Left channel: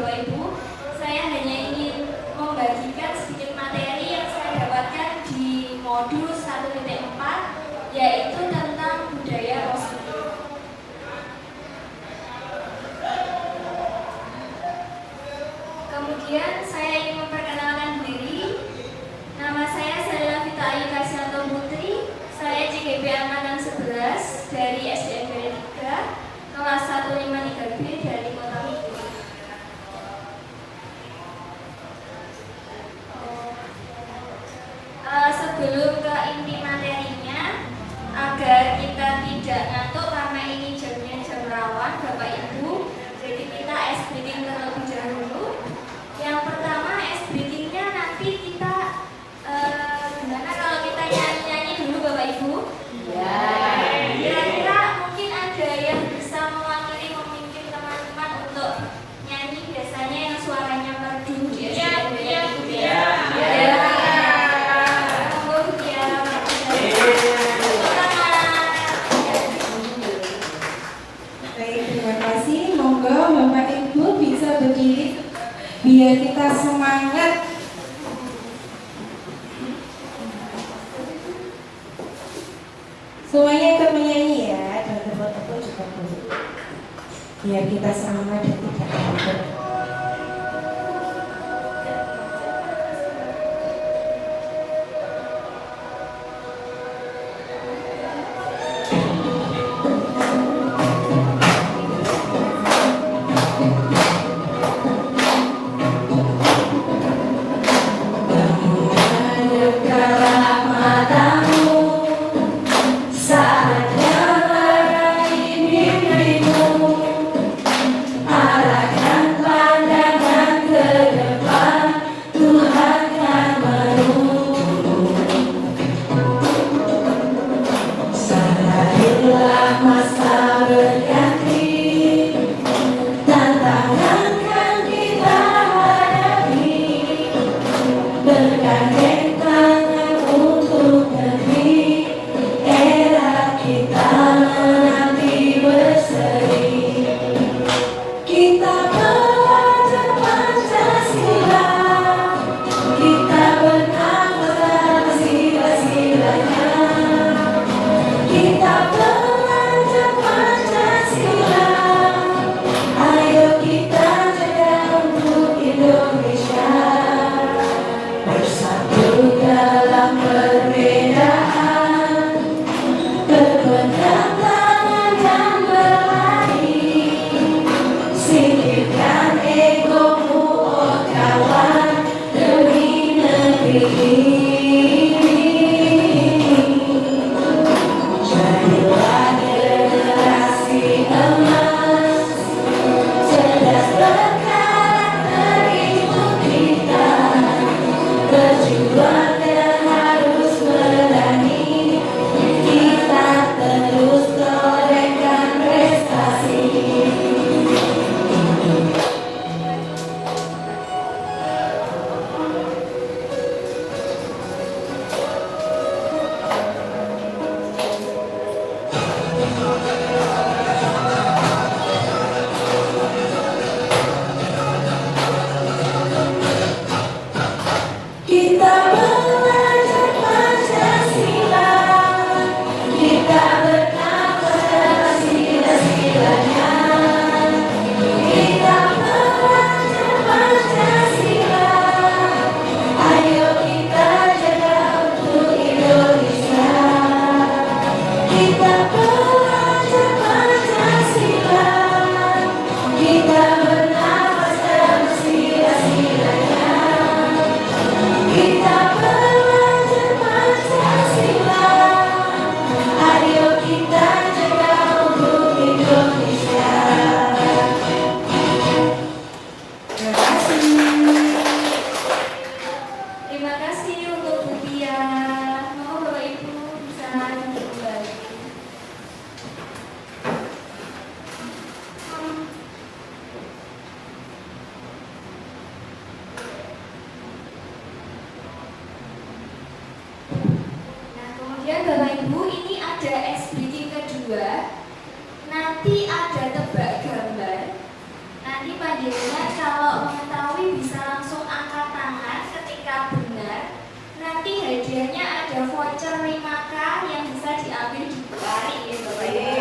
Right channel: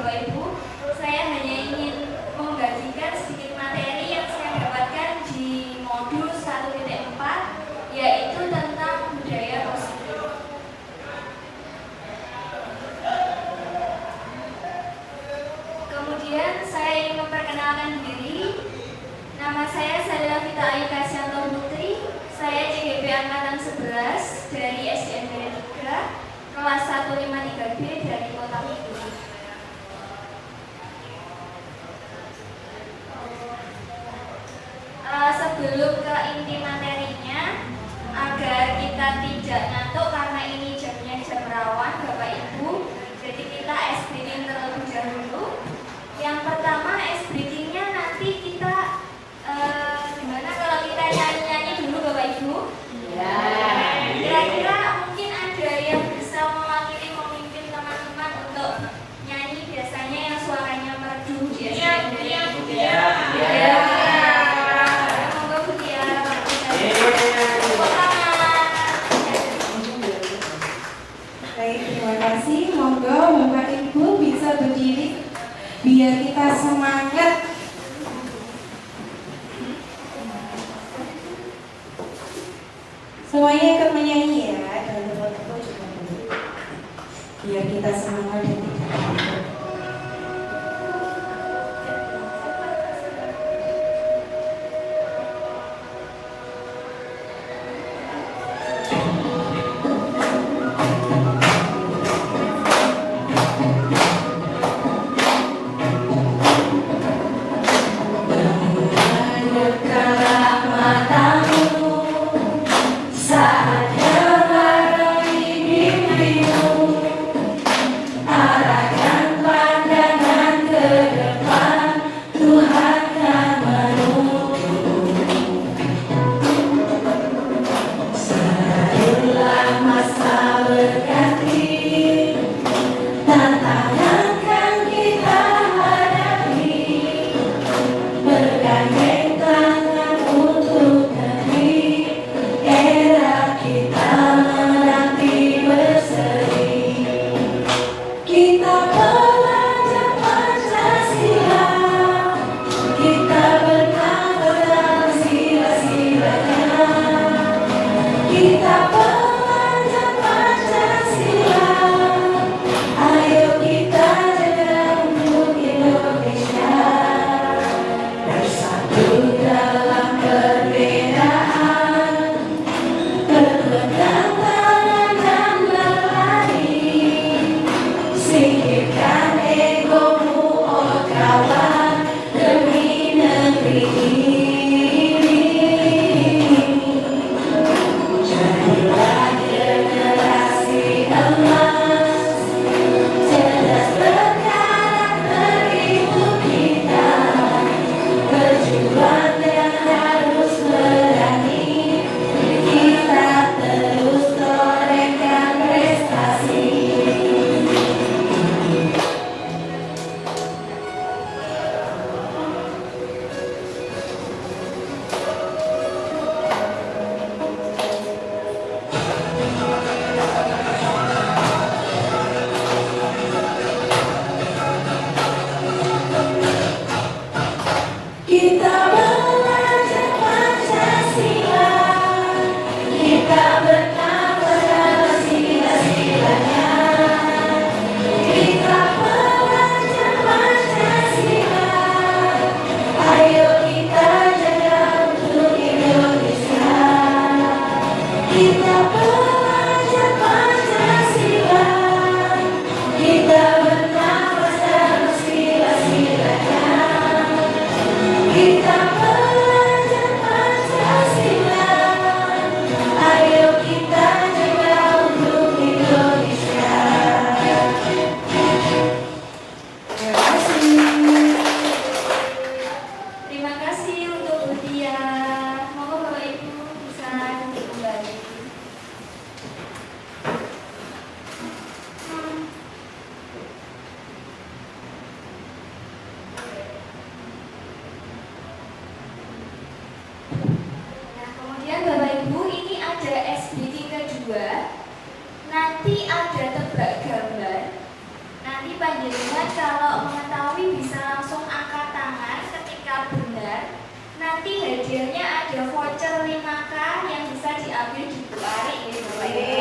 Bapak Ibu. Saya hanya ingin membagikan sedikit materi yang saya dapatkan di modul 1.4, yaitu tentang budaya Rasulullah. Kemudian saya ingin memperkenalkan diri. Nama saya Sarila Vita Ayu Kasyanto Putri. Saya CGP Angkatan 11 dari SDN 3, kelas 153B dari Kota Mikuti. Sebelum ke inti materinya, agar kita tidak ngantuk karena ini jamnya jam rawan Bapak Ibu, jadi kita ice breaking terlebih dahulu. Yang pertama, ice breakingnya nanti kita gimana kalau kita nyanyi-nyanyi dulu Bapak Ibu? Kira-kira mungkin ada yang bisa mewakili memimpin teman-teman untuk nyanyi, biasanya yang suaranya merdu biasanya. Terima kasih. Monggo Bapak Ibu bisa berdiri biar kita semangat. Semuanya ikut menyanyi ya, dan teman-teman juga boleh. Biar kita semangat dan tidak takut. Saat yang ada di mimpimu, panjenengan kalau mengetahui bisa langsung angkat tangan ketika benar. Nanti hadiahnya ada voucher 5K yang bisa diambil di Bu Ari gitu Bapak Ibu.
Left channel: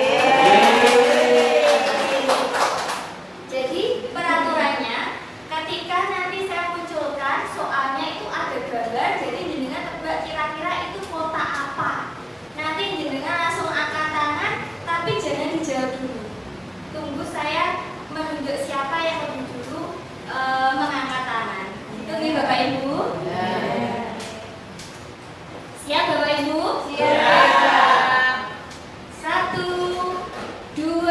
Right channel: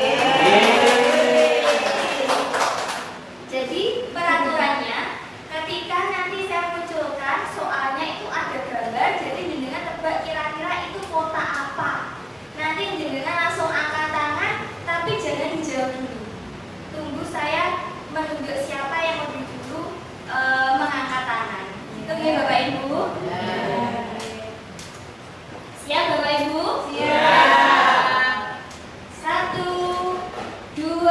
Jadi peraturannya ketika nanti saya munculkan soalnya itu ada gambar, jadi jenengan tebak kira-kira itu kota apa. Nanti jenengan langsung angkat tangan, tapi jangan dijawab dulu. Tunggu saya menunjuk siapa yang lebih dulu mengangkat tangan. Itu nih Bapak Ibu. Siap Bapak Ibu? Siap. 1, 2,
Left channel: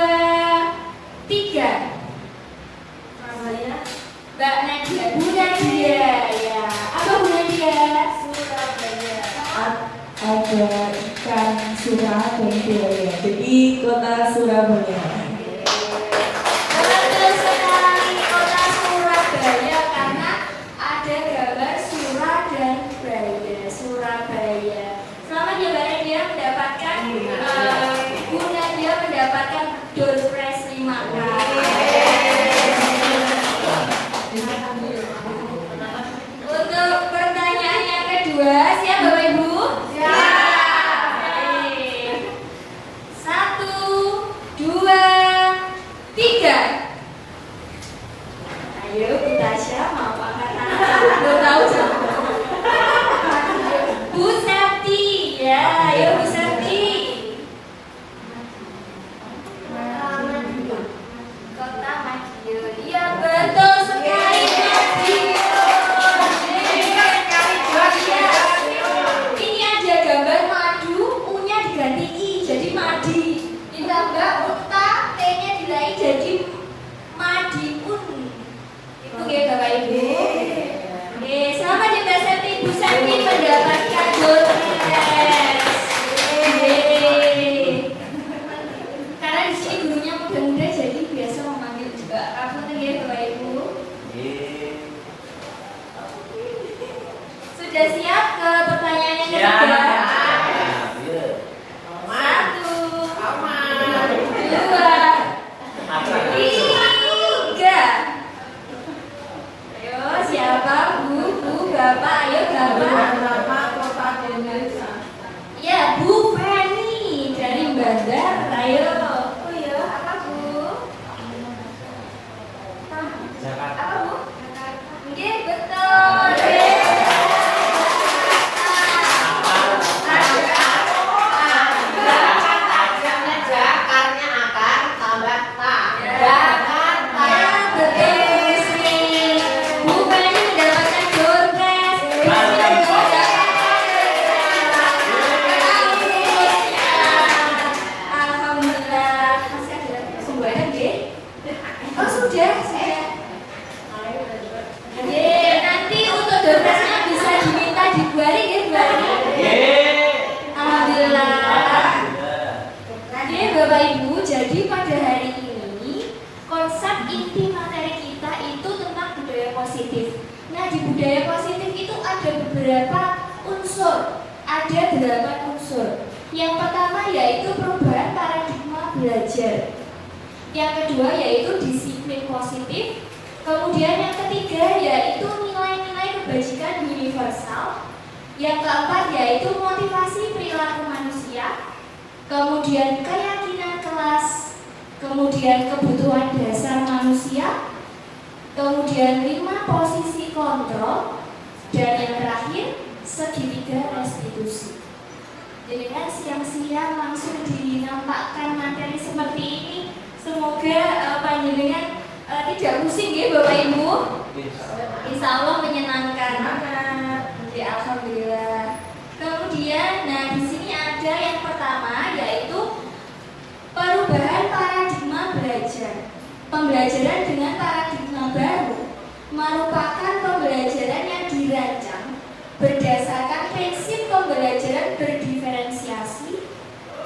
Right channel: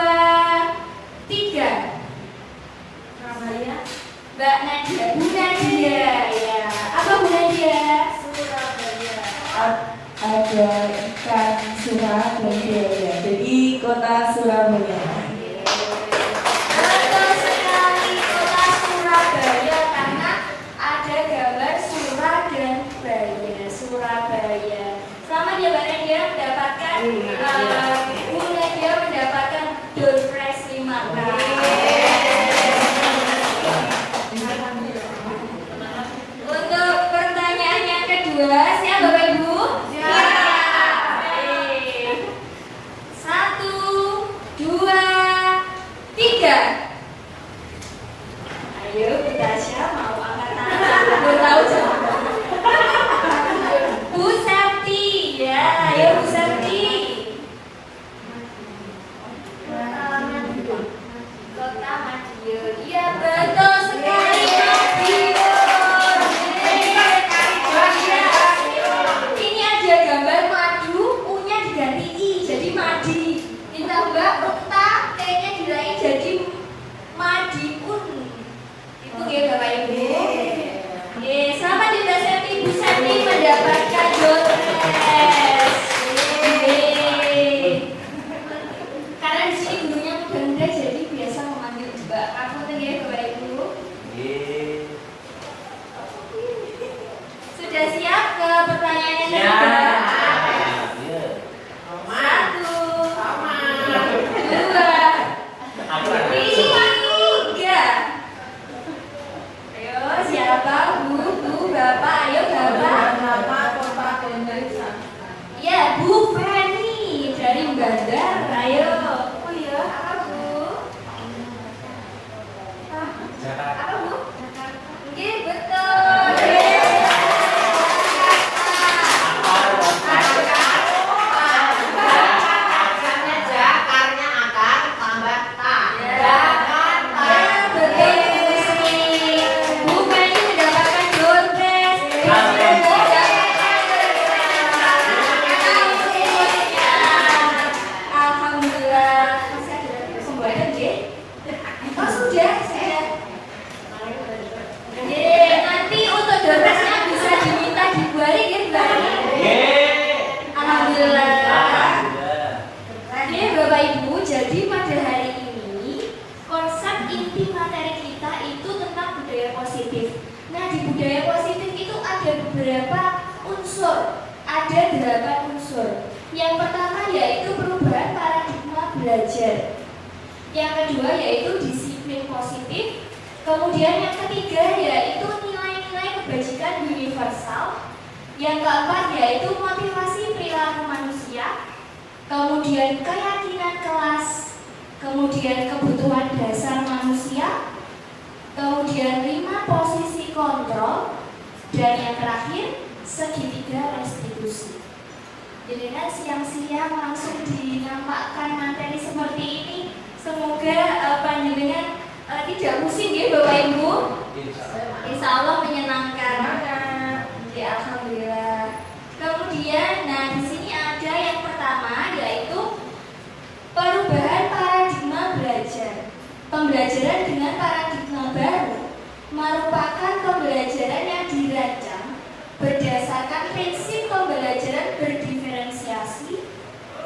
3. Namanya Mbak Nadia. Bu Nadia ya. Apa Bu Nadia? Surabaya. Ada ikan surah dan buaya. Jadi kota Surabaya. Betul sekali, kota Surabaya karena ada gambar surah dan baya. Surabaya. Selamat ya Mbak Nadia mendapatkan Bu Nadia mendapatkan door prize 5K. Untuk pertanyaan yang kedua, siap Bapak Ibu? Siap. 1, 2, 3. Ayo Bu Tasya mau angkat tangan. Belum tahu jawab. Bu Sakti ya, ayo Bu Sakti. Kota Madiun. Iya betul sekali Madiun. Ini ada gambar madu, U-nya diganti I jadi madi. Ditambah unta, T-nya diraih jadi madiun. Itu ya Bapak Ibu. Selamat ya Mbak Septi, Bu Septi mendapatkan door prize. Karena di sini gurunya muda-muda jadi biasa memanggil Mbak. Kamu tuh ya Bapak Ibu. Sudah siap ke pertanyaan yang ketiga? 1, 2, 3. Ayo siapa Bu, Bapak, ayo Bapak. Ya Bu Feni dari Bandar, ayo. Oh iya, apa Bu? Apa Bu? Oke, betul. Nanti untuk dompetnya bisa diminta dibuari ya Bu Ani? Alhamdulillah. Oke Bapak Ibu, jadi pada hari ini konsep inti materi kita itu tentang budaya positif. Nah di budaya positif itu ada beberapa unsur, ada 8 unsur. Yang pertama yaitu perubahan paradigma belajar. Yang kedua yaitu disiplin positif. Kemudian yang ketiga yaitu nilai-nilai kebajikan universal. Yang keempat yaitu motivasi perilaku manusia. Kemudian keyakinan kelas. Kemudian kebutuhan dasar manusia. Kemudian 5 posisi kontrol. Dan yang terakhir segitiga restitusi. Jadi kan siang-siang langsung dinampakkan materi seperti ini. Semoga panjenengan tidak pusing ya Bapak Ibu. Insya Allah menyenangkan. Ya Alhamdulillah. Kemudian, nah di sini ada yang pertama yaitu perubahan paradigma belajar. Pembelajaran dengan paradigma baru merupakan pembelajaran yang dirancang berdasarkan prinsip pembelajaran berdiferensiasi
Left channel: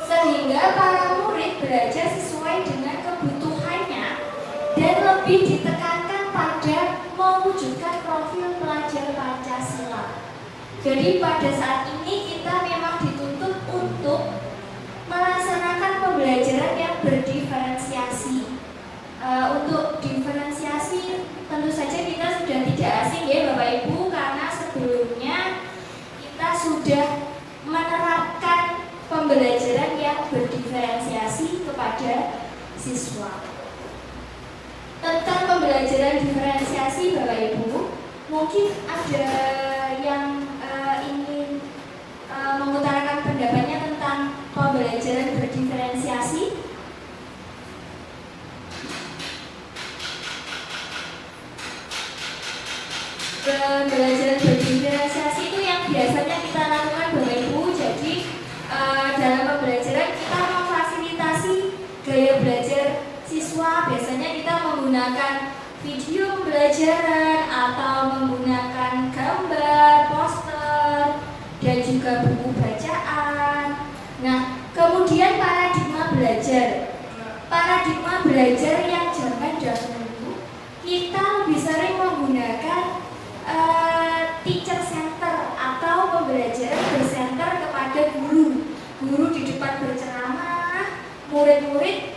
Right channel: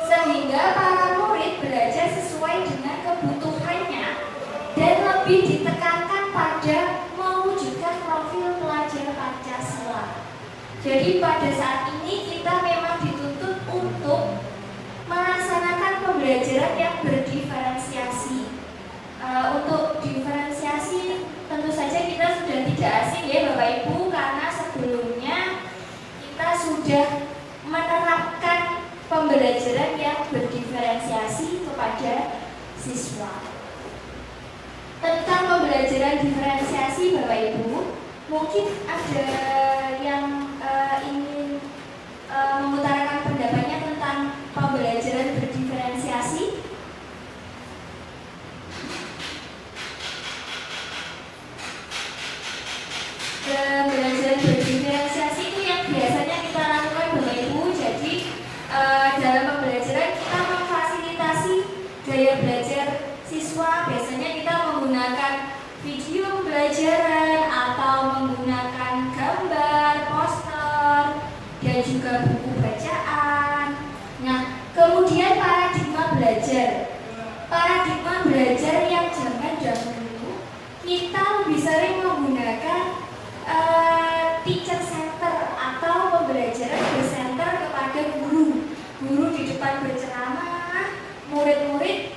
sehingga para murid belajar sesuai dengan kebutuhannya dan lebih ditekankan pada mewujudkan profil pelajar Pancasila. Jadi pada saat ini kita memang dituntut untuk melaksanakan pembelajaran yang berdiferensiasi. Untuk diferensiasi siswa. Tentang pembelajaran diferensiasi Bapak Ibu, mungkin ada yang ingin mengutarakan pendapatnya tentang pembelajaran berdiferensiasi. Pembelajaran berdiferensiasi itu yang biasanya kita lakukan Bapak Ibu. Jadi dalam pembelajaran kita memfasilitasi gaya belajar siswa. Biasanya kita menggunakan video pembelajaran atau menggunakan gambar, poster, dan juga buku bacaan. Nah, kemudian paradigma belajar. Paradigma belajar yang zaman dahulu kita lebih sering menggunakan teacher center atau pembelajaran bersenter kepada guru. Guru di depan berceramah, murid-murid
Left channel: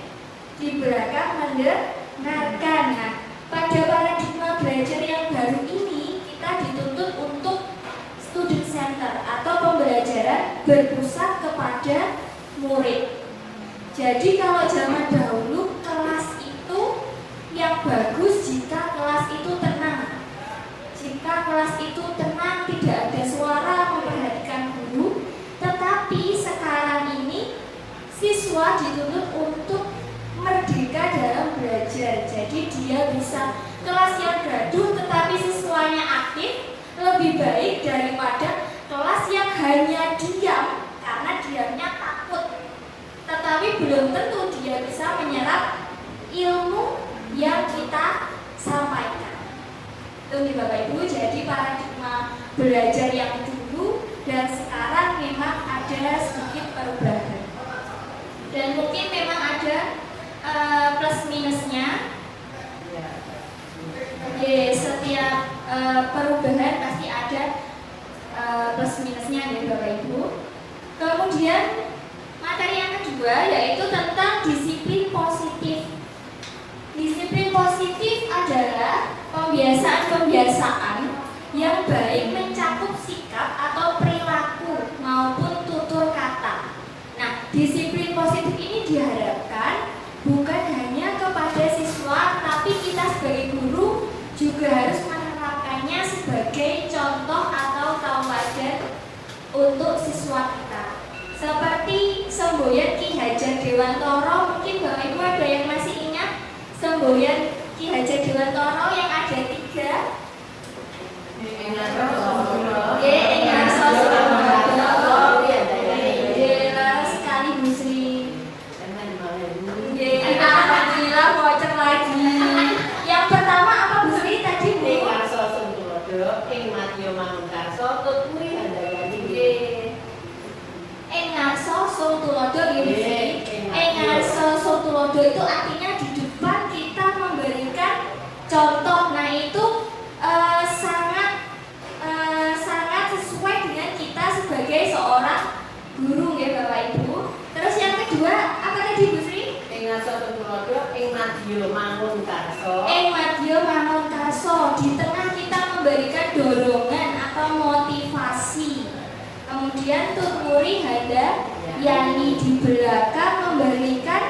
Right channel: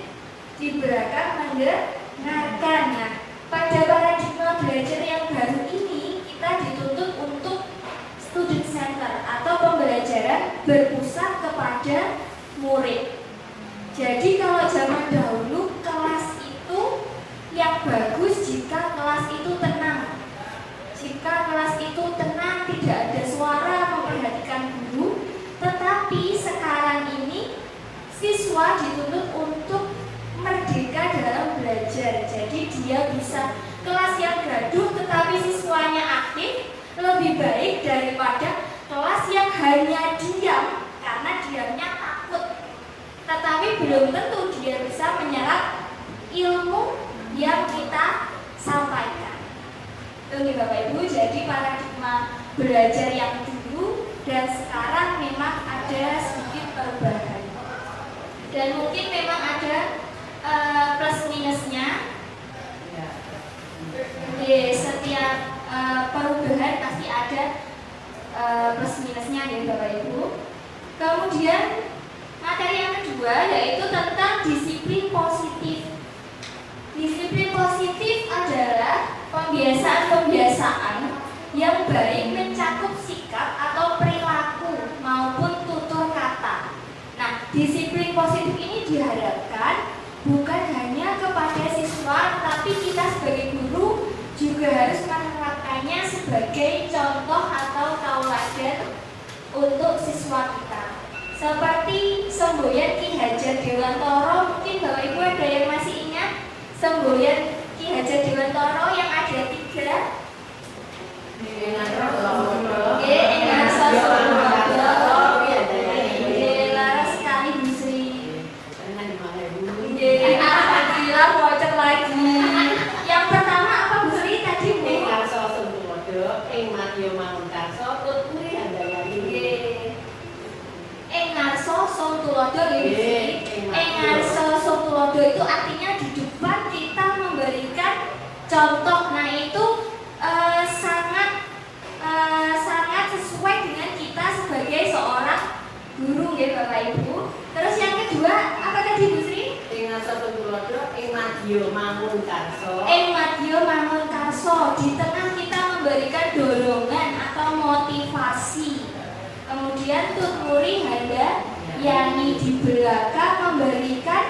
di belakang mendengarkan. Nah, pada paradigma belajar yang baru ini kita dituntut untuk student center atau pembelajaran berpusat kepada murid. Jadi kalau zaman dahulu kelas itu yang bagus jika kelas itu tenang. Jika kelas itu tenang, tidak ada suara, memperhatikan guru. Tetapi sekarang ini siswa dituntut untuk merdeka dalam belajar. Jadi dia bisa kelas yang gaduh tetapi siswanya aktif lebih baik daripada kelas yang hanya diam karena diamnya takut. Tetapi belum tentu dia bisa menyerap ilmu yang kita sampaikan. Itu nih Bapak Ibu, jadi paradigma belajar yang dulu dan sekarang memang ada sedikit perubahan. Dan mungkin memang ada plus minusnya. Di setiap perubahan pasti ada plus minusnya ya Bapak Ibu. Kemudian materi yang kedua yaitu tentang disiplin positif. Disiplin positif adalah pembiasaan-pembiasaan yang baik mencakup sikap atau perilaku maupun tutur kata. Nah, disiplin positif ini diharapkan bukan hanya kepada siswa, tapi kita sebagai guru juga harus menerapkannya sebagai contoh atau tauladan untuk siswa kita. Seperti semboyan Ki Hajar Dewantoro, mungkin Bapak Ibu ada yang masih ingat semboyan Ki Hajar Dewantoro yang ada 3. Laras sekali Bu Sri. Alhamdulillah bocor lagi. Yang pertama apa Bu Sri tadi Bu? Engarso Somtulodo ini. Engarso Somtulodo itu artinya di depan kita memberikan contoh. Nah itu sangat sesuai dengan kita sebagai seorang guru ya Bapak Ibu. Terus yang kedua apa tadi Bu Sri? Madyo Mangunkarso. Di tengah kita memberikan dorongan atau motivasi. Kemudian Tutmuri Handa Yani di belakang memberikan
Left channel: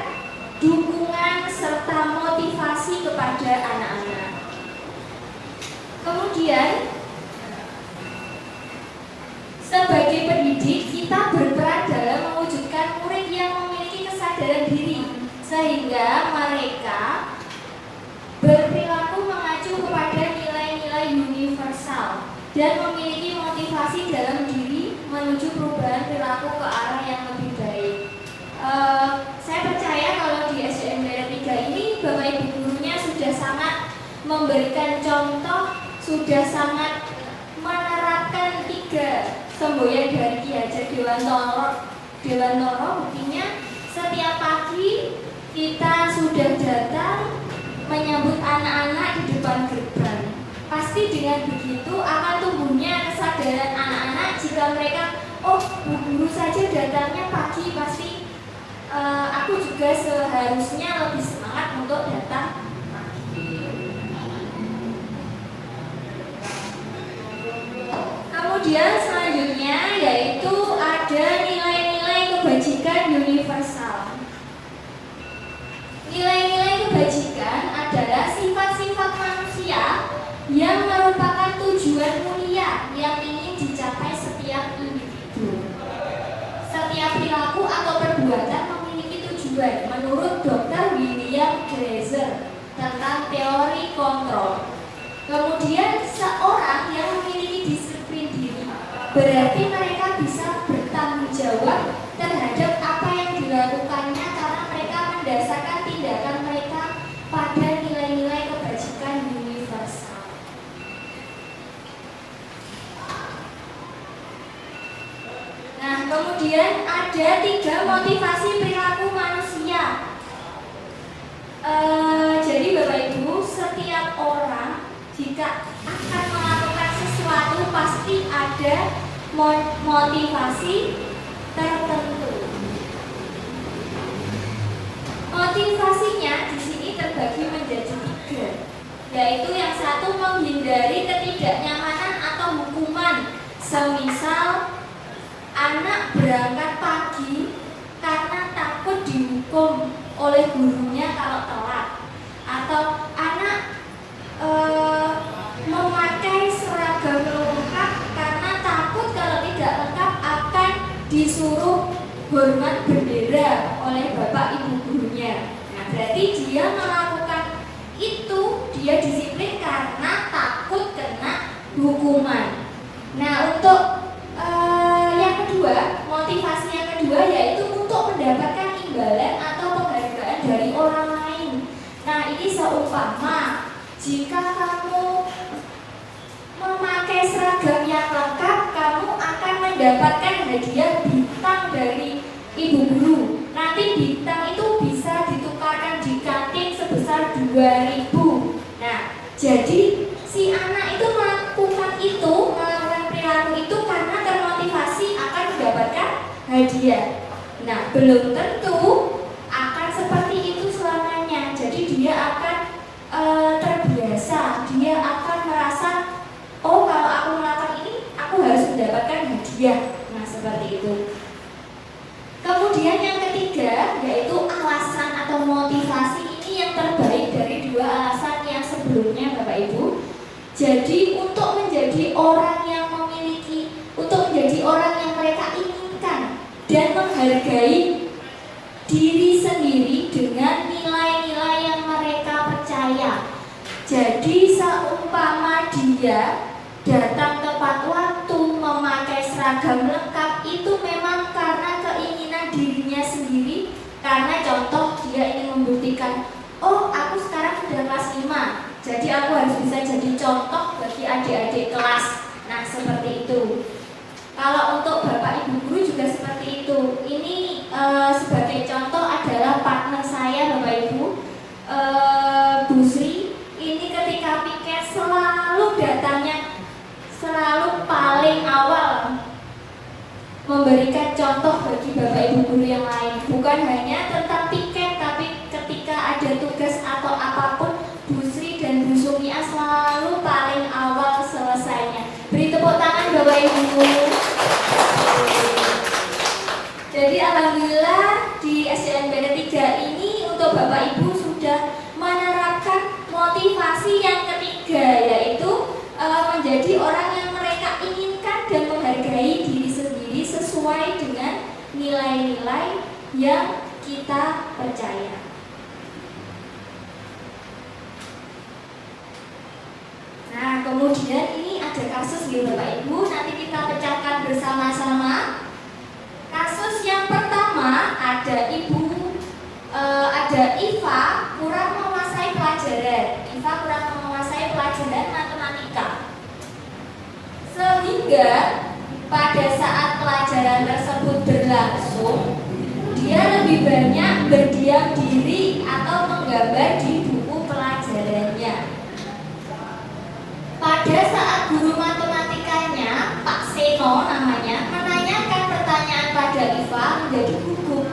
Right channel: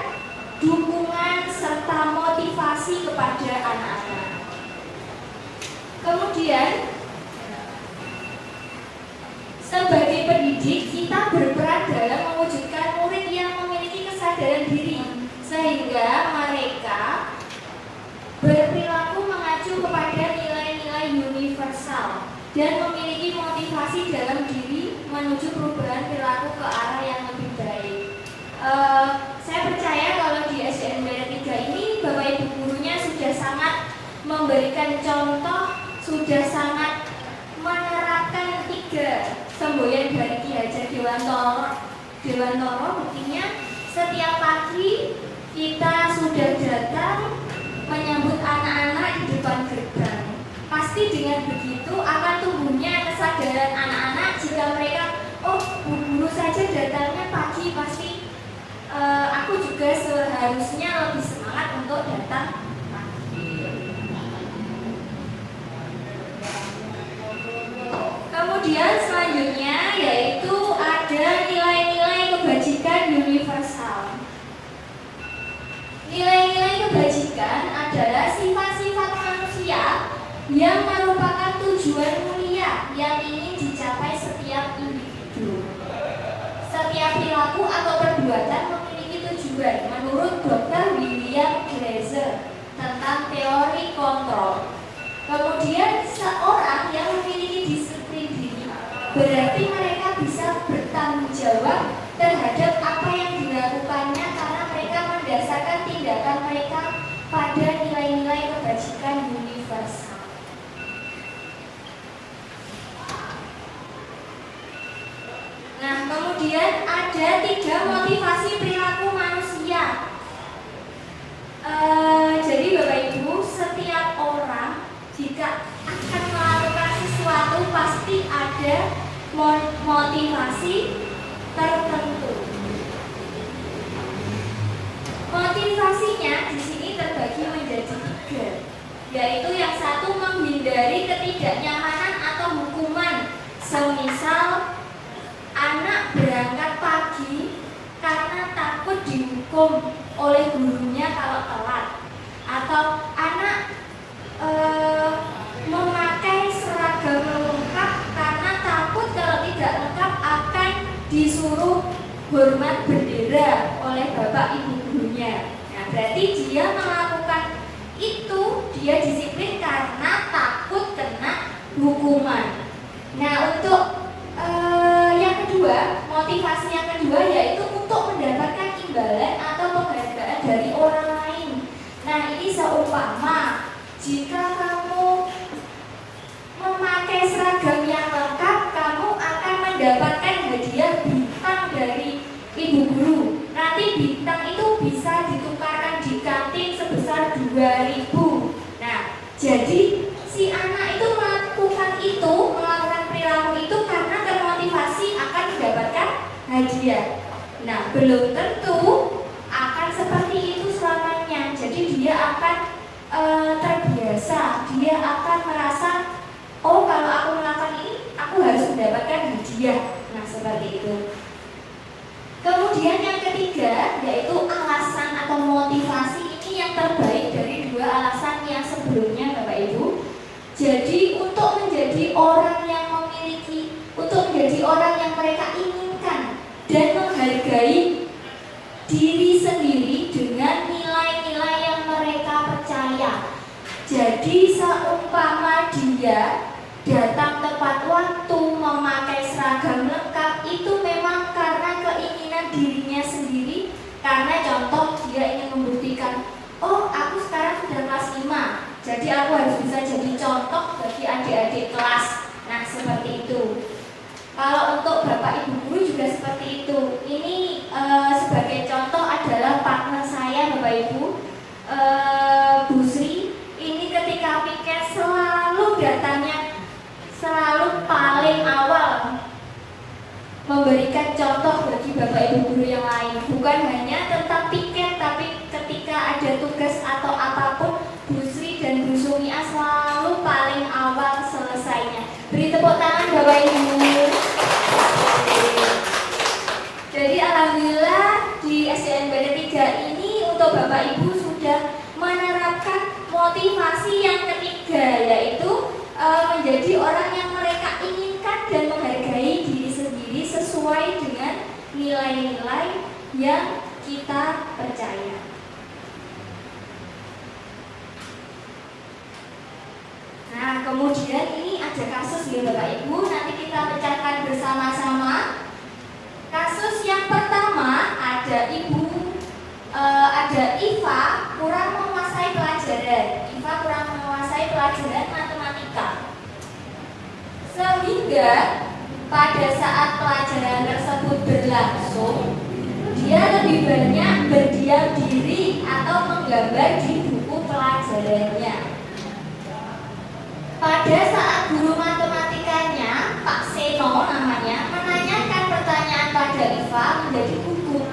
dukungan serta motivasi kepada anak-anak. Kemudian sebagai pendidik kita berperan dalam mewujudkan murid yang memiliki kesadaran diri sehingga mereka berperilaku mengacu kepada nilai-nilai universal dan memiliki motivasi dalam diri menuju perubahan perilaku ke arah yang lebih baik. Saya percaya kalau di SDN Daerah 3 ini Bapak Ibu gurunya sudah sangat memberikan contoh, sudah sangat menerapkan 3 semboyan dari Ki Hajar Dewantoro. Buktinya setiap pagi kita sudah datang menyambut anak-anak di depan gerbang. Pasti dengan begitu akan tumbuhnya kesadaran anak-anak jika mereka, oh Bu Guru saja datangnya pagi, pasti aku juga seharusnya lebih semangat untuk datang pagi. Kemudian selanjutnya yaitu ada nilai-nilai kebajikan universal. Nilai yang merupakan tujuan mulia yang ingin dicapai setiap individu. Setiap perilaku atau perbuatan memiliki tujuan menurut Dr. William Glaser tentang teori kontrol. Kemudian seorang yang memiliki disiplin diri berarti mereka bisa bertanggung jawab terhadap apa yang dilakukannya karena mereka mendasarkan tindakan mereka pada nilai-nilai kebajikan universal. Nah, kemudian ada 3 motivasi perilaku manusia. Jadi Bapak Ibu, setiap orang jika akan melakukan sesuatu pasti ada motivasi tertentu. Motivasinya di sini terbagi menjadi 3, yaitu yang satu menghindari ketidaknyamanan atau hukuman, semisal anak berangkat pagi karena takut dihukum oleh gurunya kalau telat, atau anak memakai seragam lengkap karena takut kalau tidak lengkap akan disuruh hormat bendera oleh bapak ibu gurunya. Nah, berarti dia melakukan itu, dia disiplin karena takut kena hukuman. Nah, untuk yang kedua, motivasi yang kedua yaitu untuk mendapatkan imbalan atau penghargaan dari orang lain. Nah, ini seumpama jika kamu memakai seragam yang lengkap, kamu akan mendapatkan hadiah bintang dari ibu guru. Nanti bintang itu bisa ditukarkan di kantin sebesar 2.000. Nah, jadi si anak itu melakukan perilaku itu karena termotivasi akan mendapatkan hadiah. Nah, belum tentu akan seperti itu selamanya. Jadi dia akan terbiasa, dia akan merasa, oh kalau aku melakukan ini, aku harus mendapatkan hadiah. Nah, seperti itu. Kemudian yang ketiga yaitu alasan atau motivasi. Ini yang terbaik dari 2 alasan yang sebelumnya Bapak Ibu. Jadi untuk menjadi orang yang mereka inginkan dan menghargai diri sendiri dengan nilai-nilai yang mereka percaya. Jadi seumpama dia datang tepat waktu, memakai seragam lengkap, itu memang karena keinginan dirinya sendiri. Karena contoh dia ingin membuktikan, oh aku sekarang sudah kelas 5, jadi aku harus bisa jadi contoh bagi adik-adik kelas. Nah, seperti itu. Kalau untuk Bapak Ibu guru juga seperti itu. Ini sebagai contoh adalah partner saya Bapak Ibu, Bu Sri. Ini ketika piket selalu datangnya selalu paling awal, memberikan contoh bagi Bapak Ibu guru yang lain. Bukan hanya tentang piket, tapi ketika ada tugas atau apapun, Bu Sri dan Bu Sumia selalu paling awal selesainya. Beri tepuk tangan Bapak Ibu. Jadi alhamdulillah di SDN 3 ini untuk Bapak Ibu sudah menerapkan motivasi yang ketiga, yaitu menjadi orang yang mereka inginkan dan menghargai diri sendiri sesuai dengan nilai-nilai yang kita percaya. Nah, kemudian ini ada kasus ya Bapak Ibu, nanti kita pecahkan bersama-sama. Kasus yang pertama ada Iva kurang menguasai pelajaran matematika. Sehingga pada saat pelajaran tersebut berlangsung, dia lebih banyak berdiam diri atau menggambar di buku pelajarannya. Pada saat guru matematikanya, Pak Seno namanya, menanyakan pertanyaan pada Iva menjadi gugup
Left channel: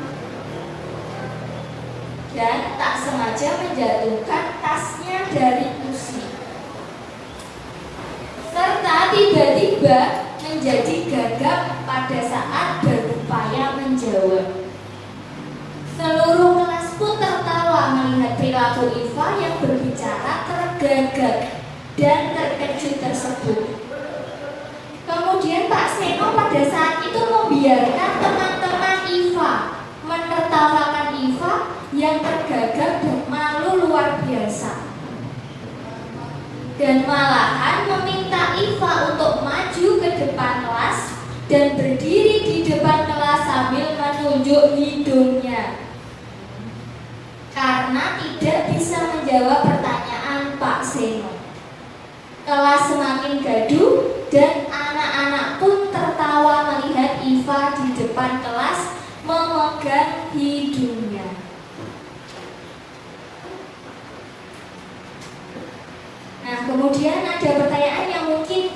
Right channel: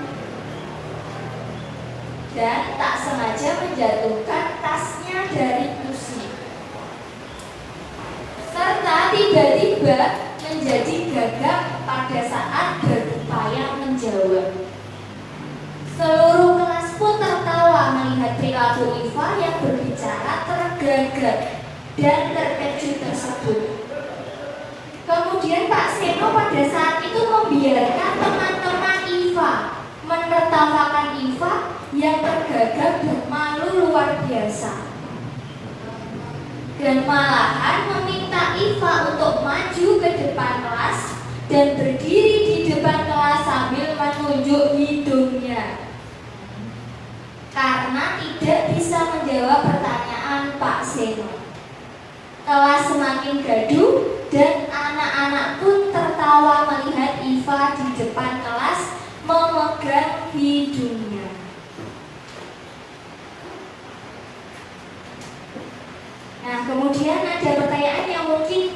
dan tak sengaja menjatuhkan tasnya dari kursi, serta tiba-tiba menjadi gagap pada saat berupaya menjawab. Seluruh kelas pun tertawa melihat perilaku Iva yang berbicara tergagap. dan terkejut tersebut. Kemudian Pak Seno pada saat itu membiarkan teman-teman IVA menertawakan IVA yang tergagap dan malu luar biasa, dan malahan meminta IVA untuk maju ke depan kelas dan berdiri di depan kelas sambil menunjuk hidungnya karena tidak bisa menjawab pertanyaan Pak Seno. Kelas semakin gaduh dan anak-anak pun tertawa melihat IVA di depan kelas memegang hidungnya. Nah, kemudian ada pertanyaan yang mungkin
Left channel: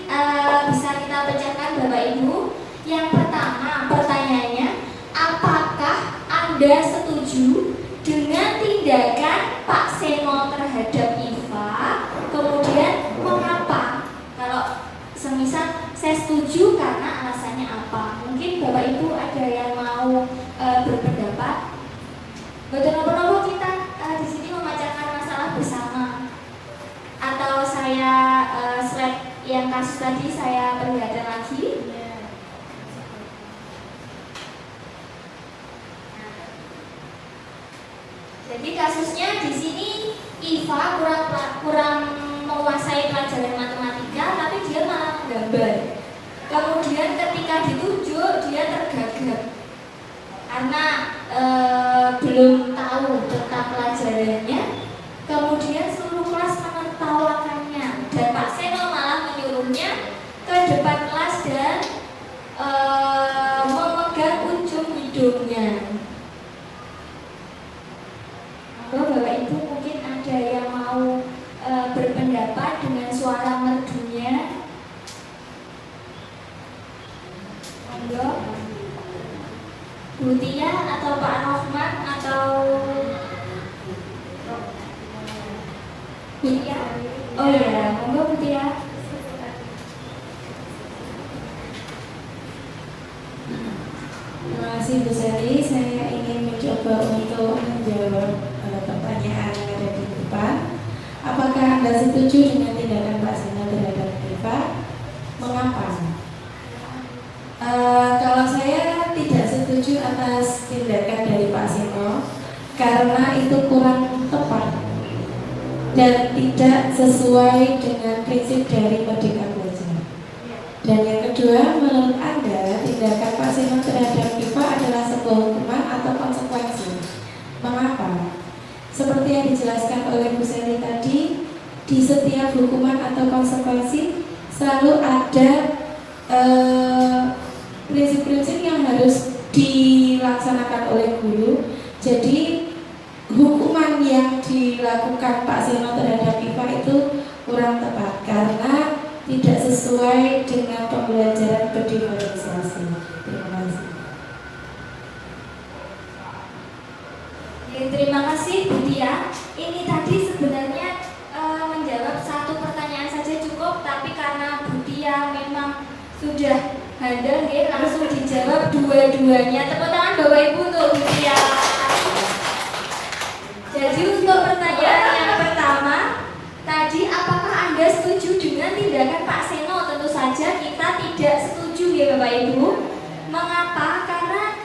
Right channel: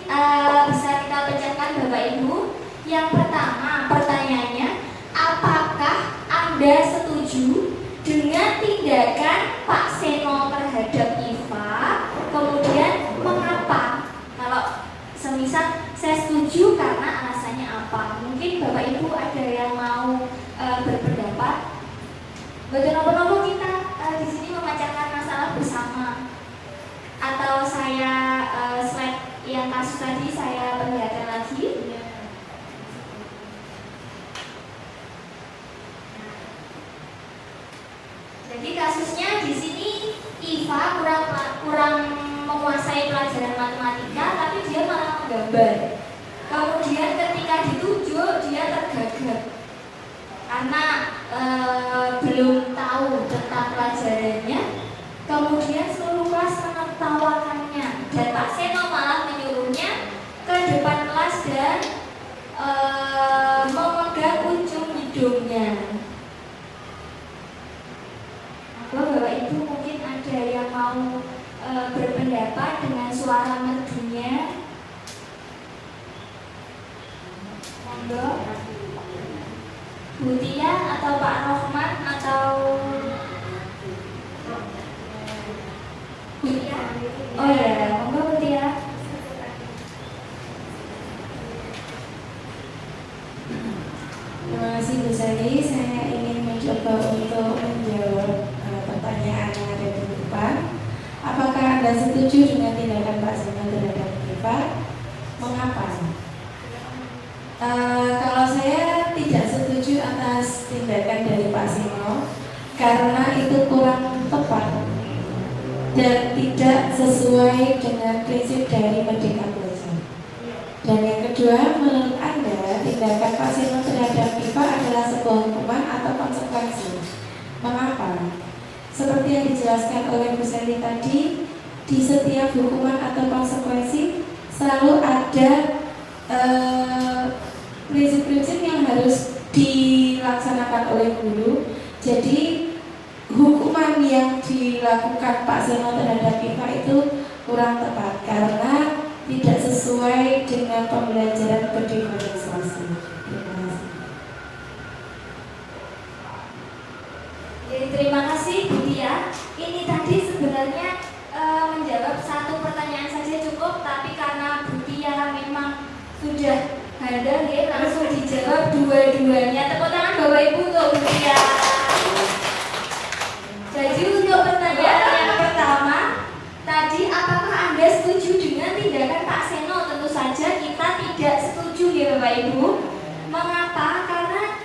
bisa kita pecahkan Bapak Ibu. Yang pertama, pertanyaannya, apakah Anda setuju dengan tindakan Pak Seno terhadap IVA? Kemudian mengapa? Kalau semisal saya setuju karena alasannya apa? Mungkin Bapak Ibu ada yang mau berpendapat. Betul apa kita di sini membacakan masalah bersama, atau saya slide yang kasus tadi saya perlihatkan lagi. Jadi kasusnya di sini IVA kurang menguasai pelajaran matematika, tapi dia malah menggambar. Kemudian ketika ditunjuk dia tergagap karena belum tahu tentang pelajarannya. Kemudian seluruh kelas menertawakannya dan Pak Seno malah menyuruhnya ke depan kelas dan memegang ujung hidungnya. Bapak Ibu mungkin ada yang mau berpendapat dengan suara merdunya. Monggo, Bu Tia atau Pak Rohman atau Bu Tia? Oh ya, monggo Bu Tia. Terima kasih Bu Sari. Saya ingin mencoba untuk menjawab pertanyaan yang ada di depan. Apakah Anda setuju dengan tindakan Pak Seno terhadap IVA? Mengapa? Kalau saya tidak setuju atas tindakan dari Pak Seno karena itu kurang tepat dan tidak sesuai dengan prinsip dari Merdeka Belajar. Dan yang kedua, menurut Anda tindakan Pak Seno terhadap IVA adalah sebuah hukuman atau konsekuensi? Mengapa? Seperti yang dijelaskan oleh Bu Sally tadi, di setiap hukuman atau konsekuensi selalu ada prinsip-prinsip yang harus dilaksanakan oleh guru. Jadi hukuman yang dilakukan Pak Seno terhadap IVA itu kurang tepat karena tidak sesuai dengan pembelajaran berdiferensiasi. Terima kasih. Terima kasih Bu Tia. Ini tadi sebenarnya menjawab satu pertanyaan saja cukup, tapi karena Bu Tia memang sudah handal, langsung dijawab dua-duanya. Tepuk tangan Bapak Ibu untuk Bu Tia. Jadi untuk pertanyaan yang pertama tadi, apakah Anda setuju dengan tindakan Pak Seno? Tentu saja kita tidak setuju ya Bapak Ibu. Mengapa? Karena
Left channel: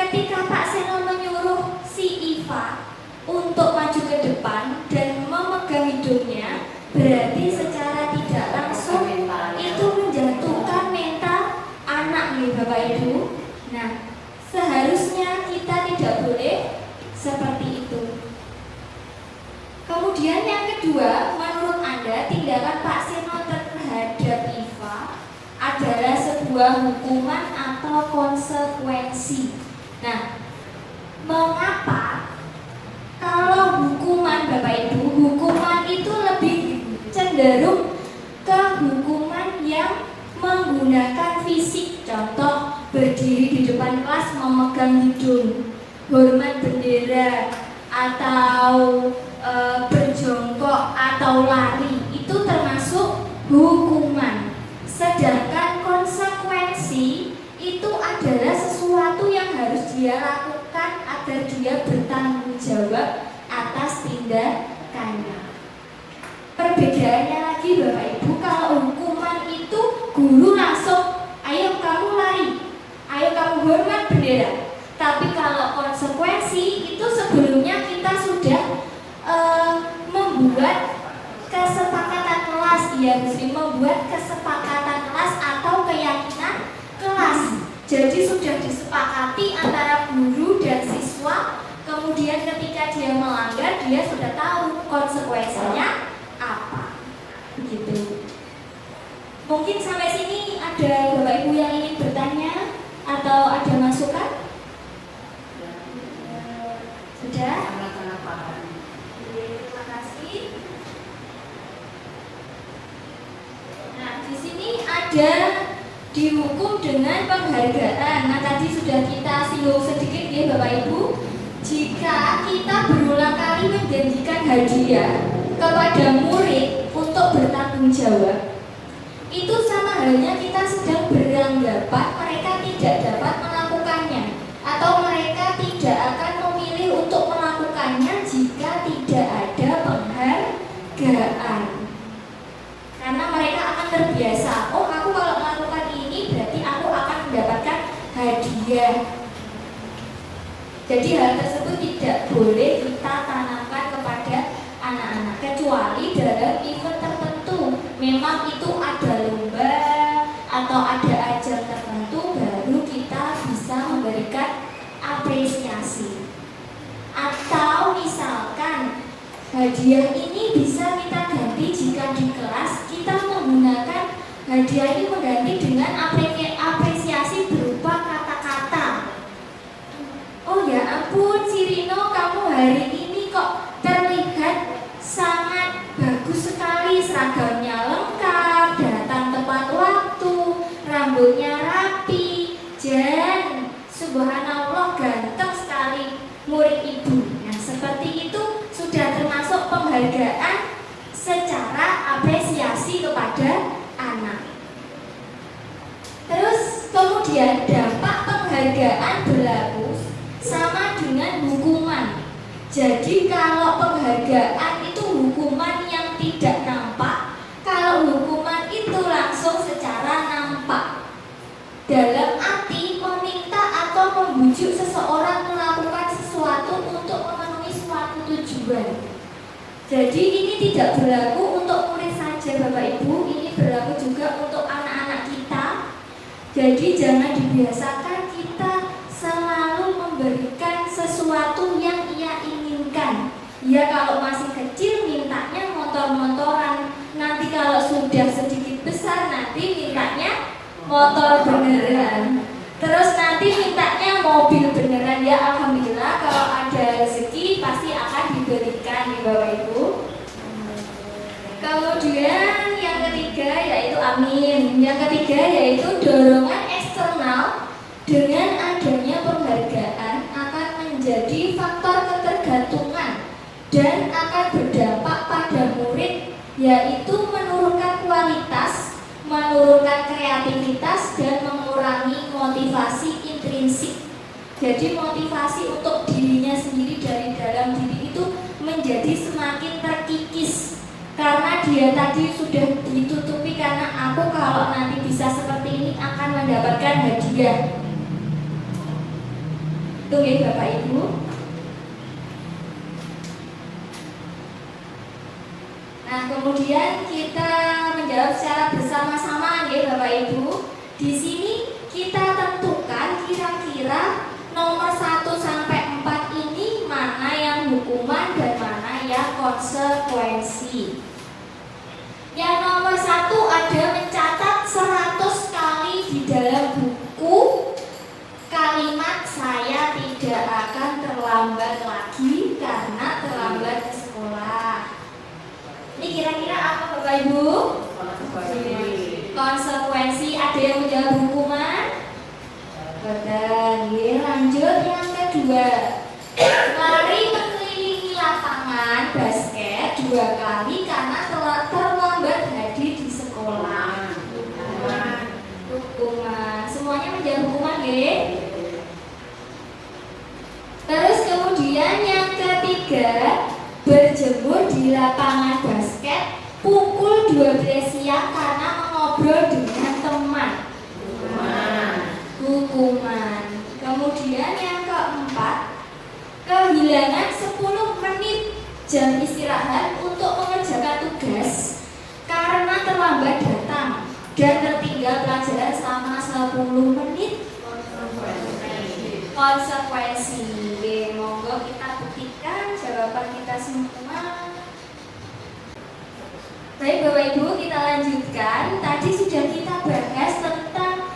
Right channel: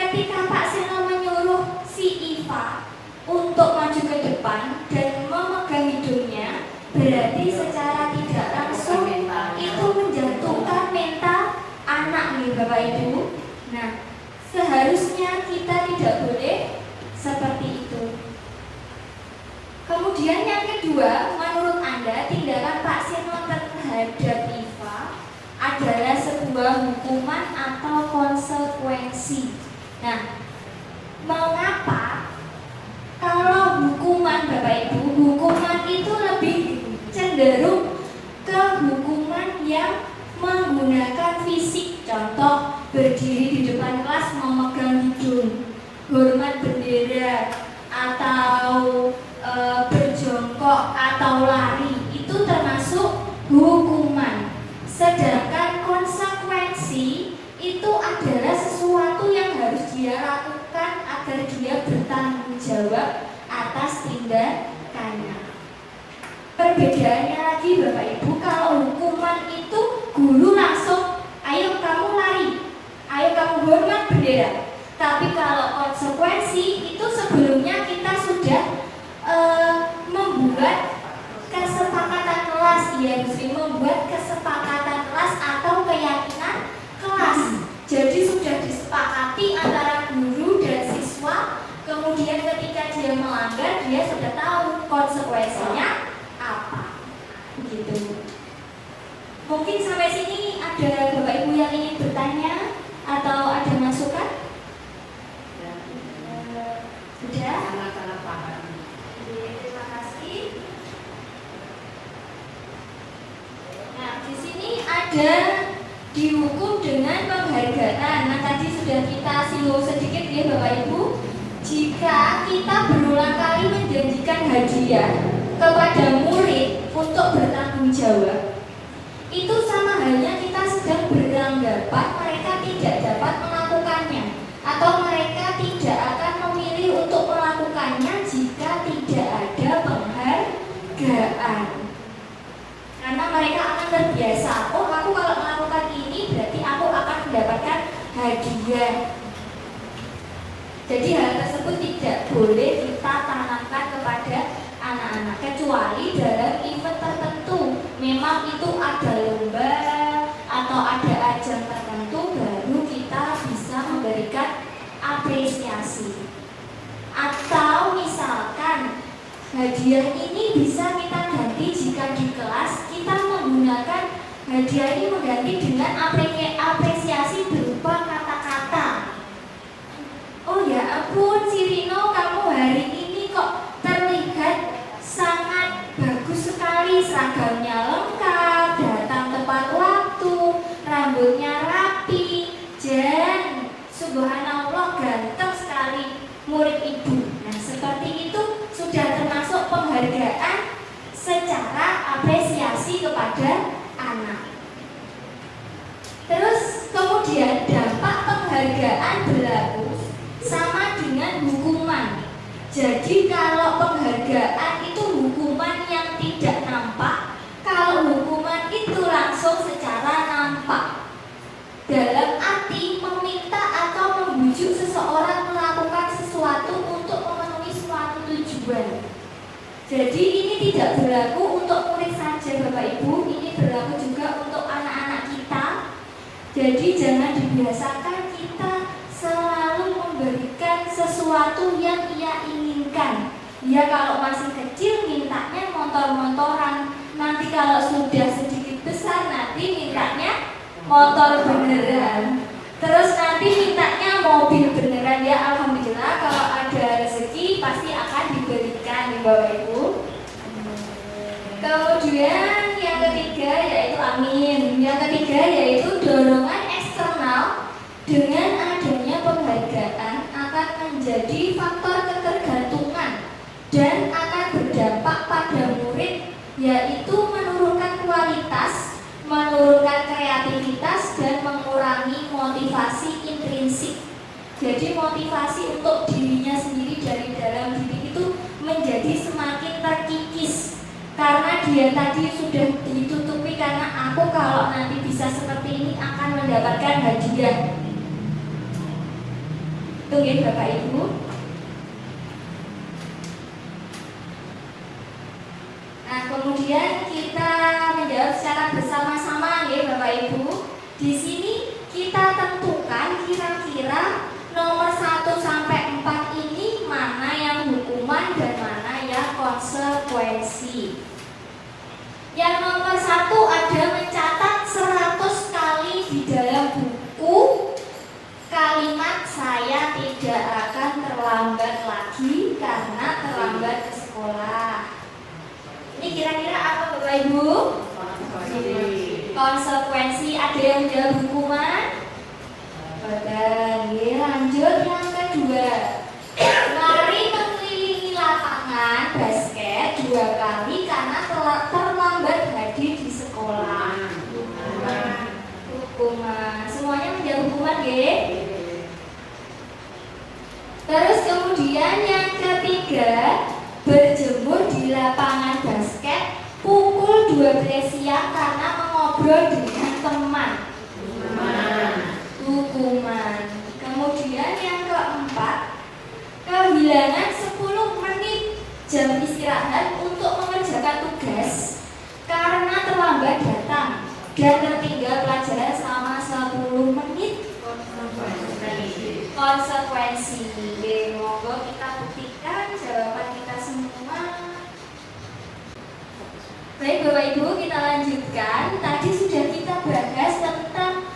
ketika Pak Seno menyuruh si IVA untuk maju ke depan dan memegang hidungnya, berarti secara tidak langsung itu menjatuhkan mental anak nih Bapak Ibu. Nah, seharusnya kita tidak boleh seperti itu. Kemudian yang kedua, menurut Anda tindakan Pak Seno terhadap IVA adalah sebuah hukuman atau konsekuensi? Nah, mengapa? Kalau hukuman Bapak Ibu, hukuman itu lebih cenderung ke hukuman yang menggunakan fisik. Contoh, berdiri di depan kelas memegang hidung, hormat bendera, atau berjongkok atau lari, itu termasuk hukuman. Sedangkan konsekuensi itu adalah sesuatu yang harus dia lakukan agar dia bertanggung jawab atas tindakannya. Perbedaannya lagi lagi Bapak Ibu, kalau hukuman itu guru langsung, ayo kamu lari, ayo kamu hormat bendera. Tapi kalau konsekuensi itu sebelumnya kita sudah membuat kesepakatan kelas, ya membuat kesepakatan kelas atau keyakinan kelas. Jadi sudah disepakati antara guru dan siswa. Kemudian ketika dia melanggar, dia sudah tahu konsekuensinya apa. Begitu. Mungkin sampai sini ada Bapak Ibu yang ingin bertanya atau ada masukan? Sudah? Terima kasih. Nah, di sini ada dihukum dengan penghargaan. Nah, tadi sudah kita singgung sedikit ya Bapak Ibu. Jika kita berulang kali menjanjikan hadiah kepada murid untuk bertanggung jawab, itu sama halnya kita sedang beranggapan mereka tidak dapat melakukannya, atau mereka tidak akan memilih untuk melakukannya jika tidak ada penghargaan. Karena mereka akan terbiasa, oh aku kalau melakukan ini berarti aku akan mendapatkan hadiah. Jadi hal tersebut tidak boleh kita tanamkan kepada anak-anak, kecuali dalam event tertentu. Memang itu ada lomba atau ada ajang tertentu, baru kita bisa memberikan apresiasi. Atau misalkan hadiah ini bisa kita ganti jika di kelas kita menggunakan hadiah ini mengganti dengan apresiasi berupa kata-kata. Oh ya ampun, si Rino, kamu hari ini kok terlihat sangat bagus sekali, seragamnya lengkap, datang tepat waktu, rambutnya rapi, dan subhanallah ganteng sekali murid ibu. Nah, seperti itu sudah termasuk penghargaan secara apresiasi kepada anak. Terus kemudian dampak penghargaan berlaku sama dengan hukuman. Jadi kalau penghargaan itu hukuman yang tidak nampak, kalau hukuman itu langsung secara nampak. Dalam arti meminta atau membujuk seseorang melakukan sesuatu untuk memenuhi suatu tujuan. Jadi ini tidak berlaku untuk murid saja Bapak Ibu, ini berlaku juga untuk anak-anak kita. Jadi jangan dibiasakan kita selalu memberikan sesuatu yang ia inginkan. Ya kalau masih kecil mintanya motor-motoran, nanti kalau sudah sedikit besar nanti mintanya motor beneran. Terus nanti mintanya mobil beneran. Ya alhamdulillah kalau ada rezeki pasti akan diberikan nih Bapak Ibu. Kemudian yang ketiga yaitu amin. Yang ketiga yaitu dorongan eksternal. Dengan adanya penghargaan akan menjadi faktor ketergantungan dan akan berdampak pada murid, yaitu menurunkan kualitas, menurunkan kreativitas, dan mengurangi motivasi intrinsik. Jadi motivasi untuk dirinya sendiri dari dalam diri itu menjadi semakin terkikis, karena dia tadi sudah ditutupi karena aku kalau nanti bisa seperti ini akan mendapatkan hadiah. Itu ya Bapak Ibu. Nah kemudian kita menjawab secara bersama-sama ya Bapak Ibu. Di sini kita tentukan kira-kira nomor 1 sampai 4 ini mana yang hukuman dan mana yang konsekuensi. Yang nomor 1 ada mencatat 100 kali di dalam buku kalimat saya tidak akan terlambat lagi karena terlambat ke sekolah. Ini kira-kira apa Bapak Ibu? Konsekuensi. Ada yang menjawab hukuman? Betul. Lanjut yang kedua. Mari mengelilingi lapangan basket 2 kali karena terlambat hadir di sekolah. Hukuman. Semuanya menjawab hukuman ya. Terus kemudian yang ketiga, berjemur di lapangan basket pukul 12 siang karena mengobrol dengan teman. Hukuman. Kemudian yang keempat, kehilangan 10 menit jam istirahat untuk mengerjakan tugas karena terlambat datang dan tertinggal pelajaran selama 10 menit. Konsekuensi. Monggo kita buktikan jawaban kita semua. Baik Bapak Ibu, kita lanjutkan. Tadi sudah kita bahas tentang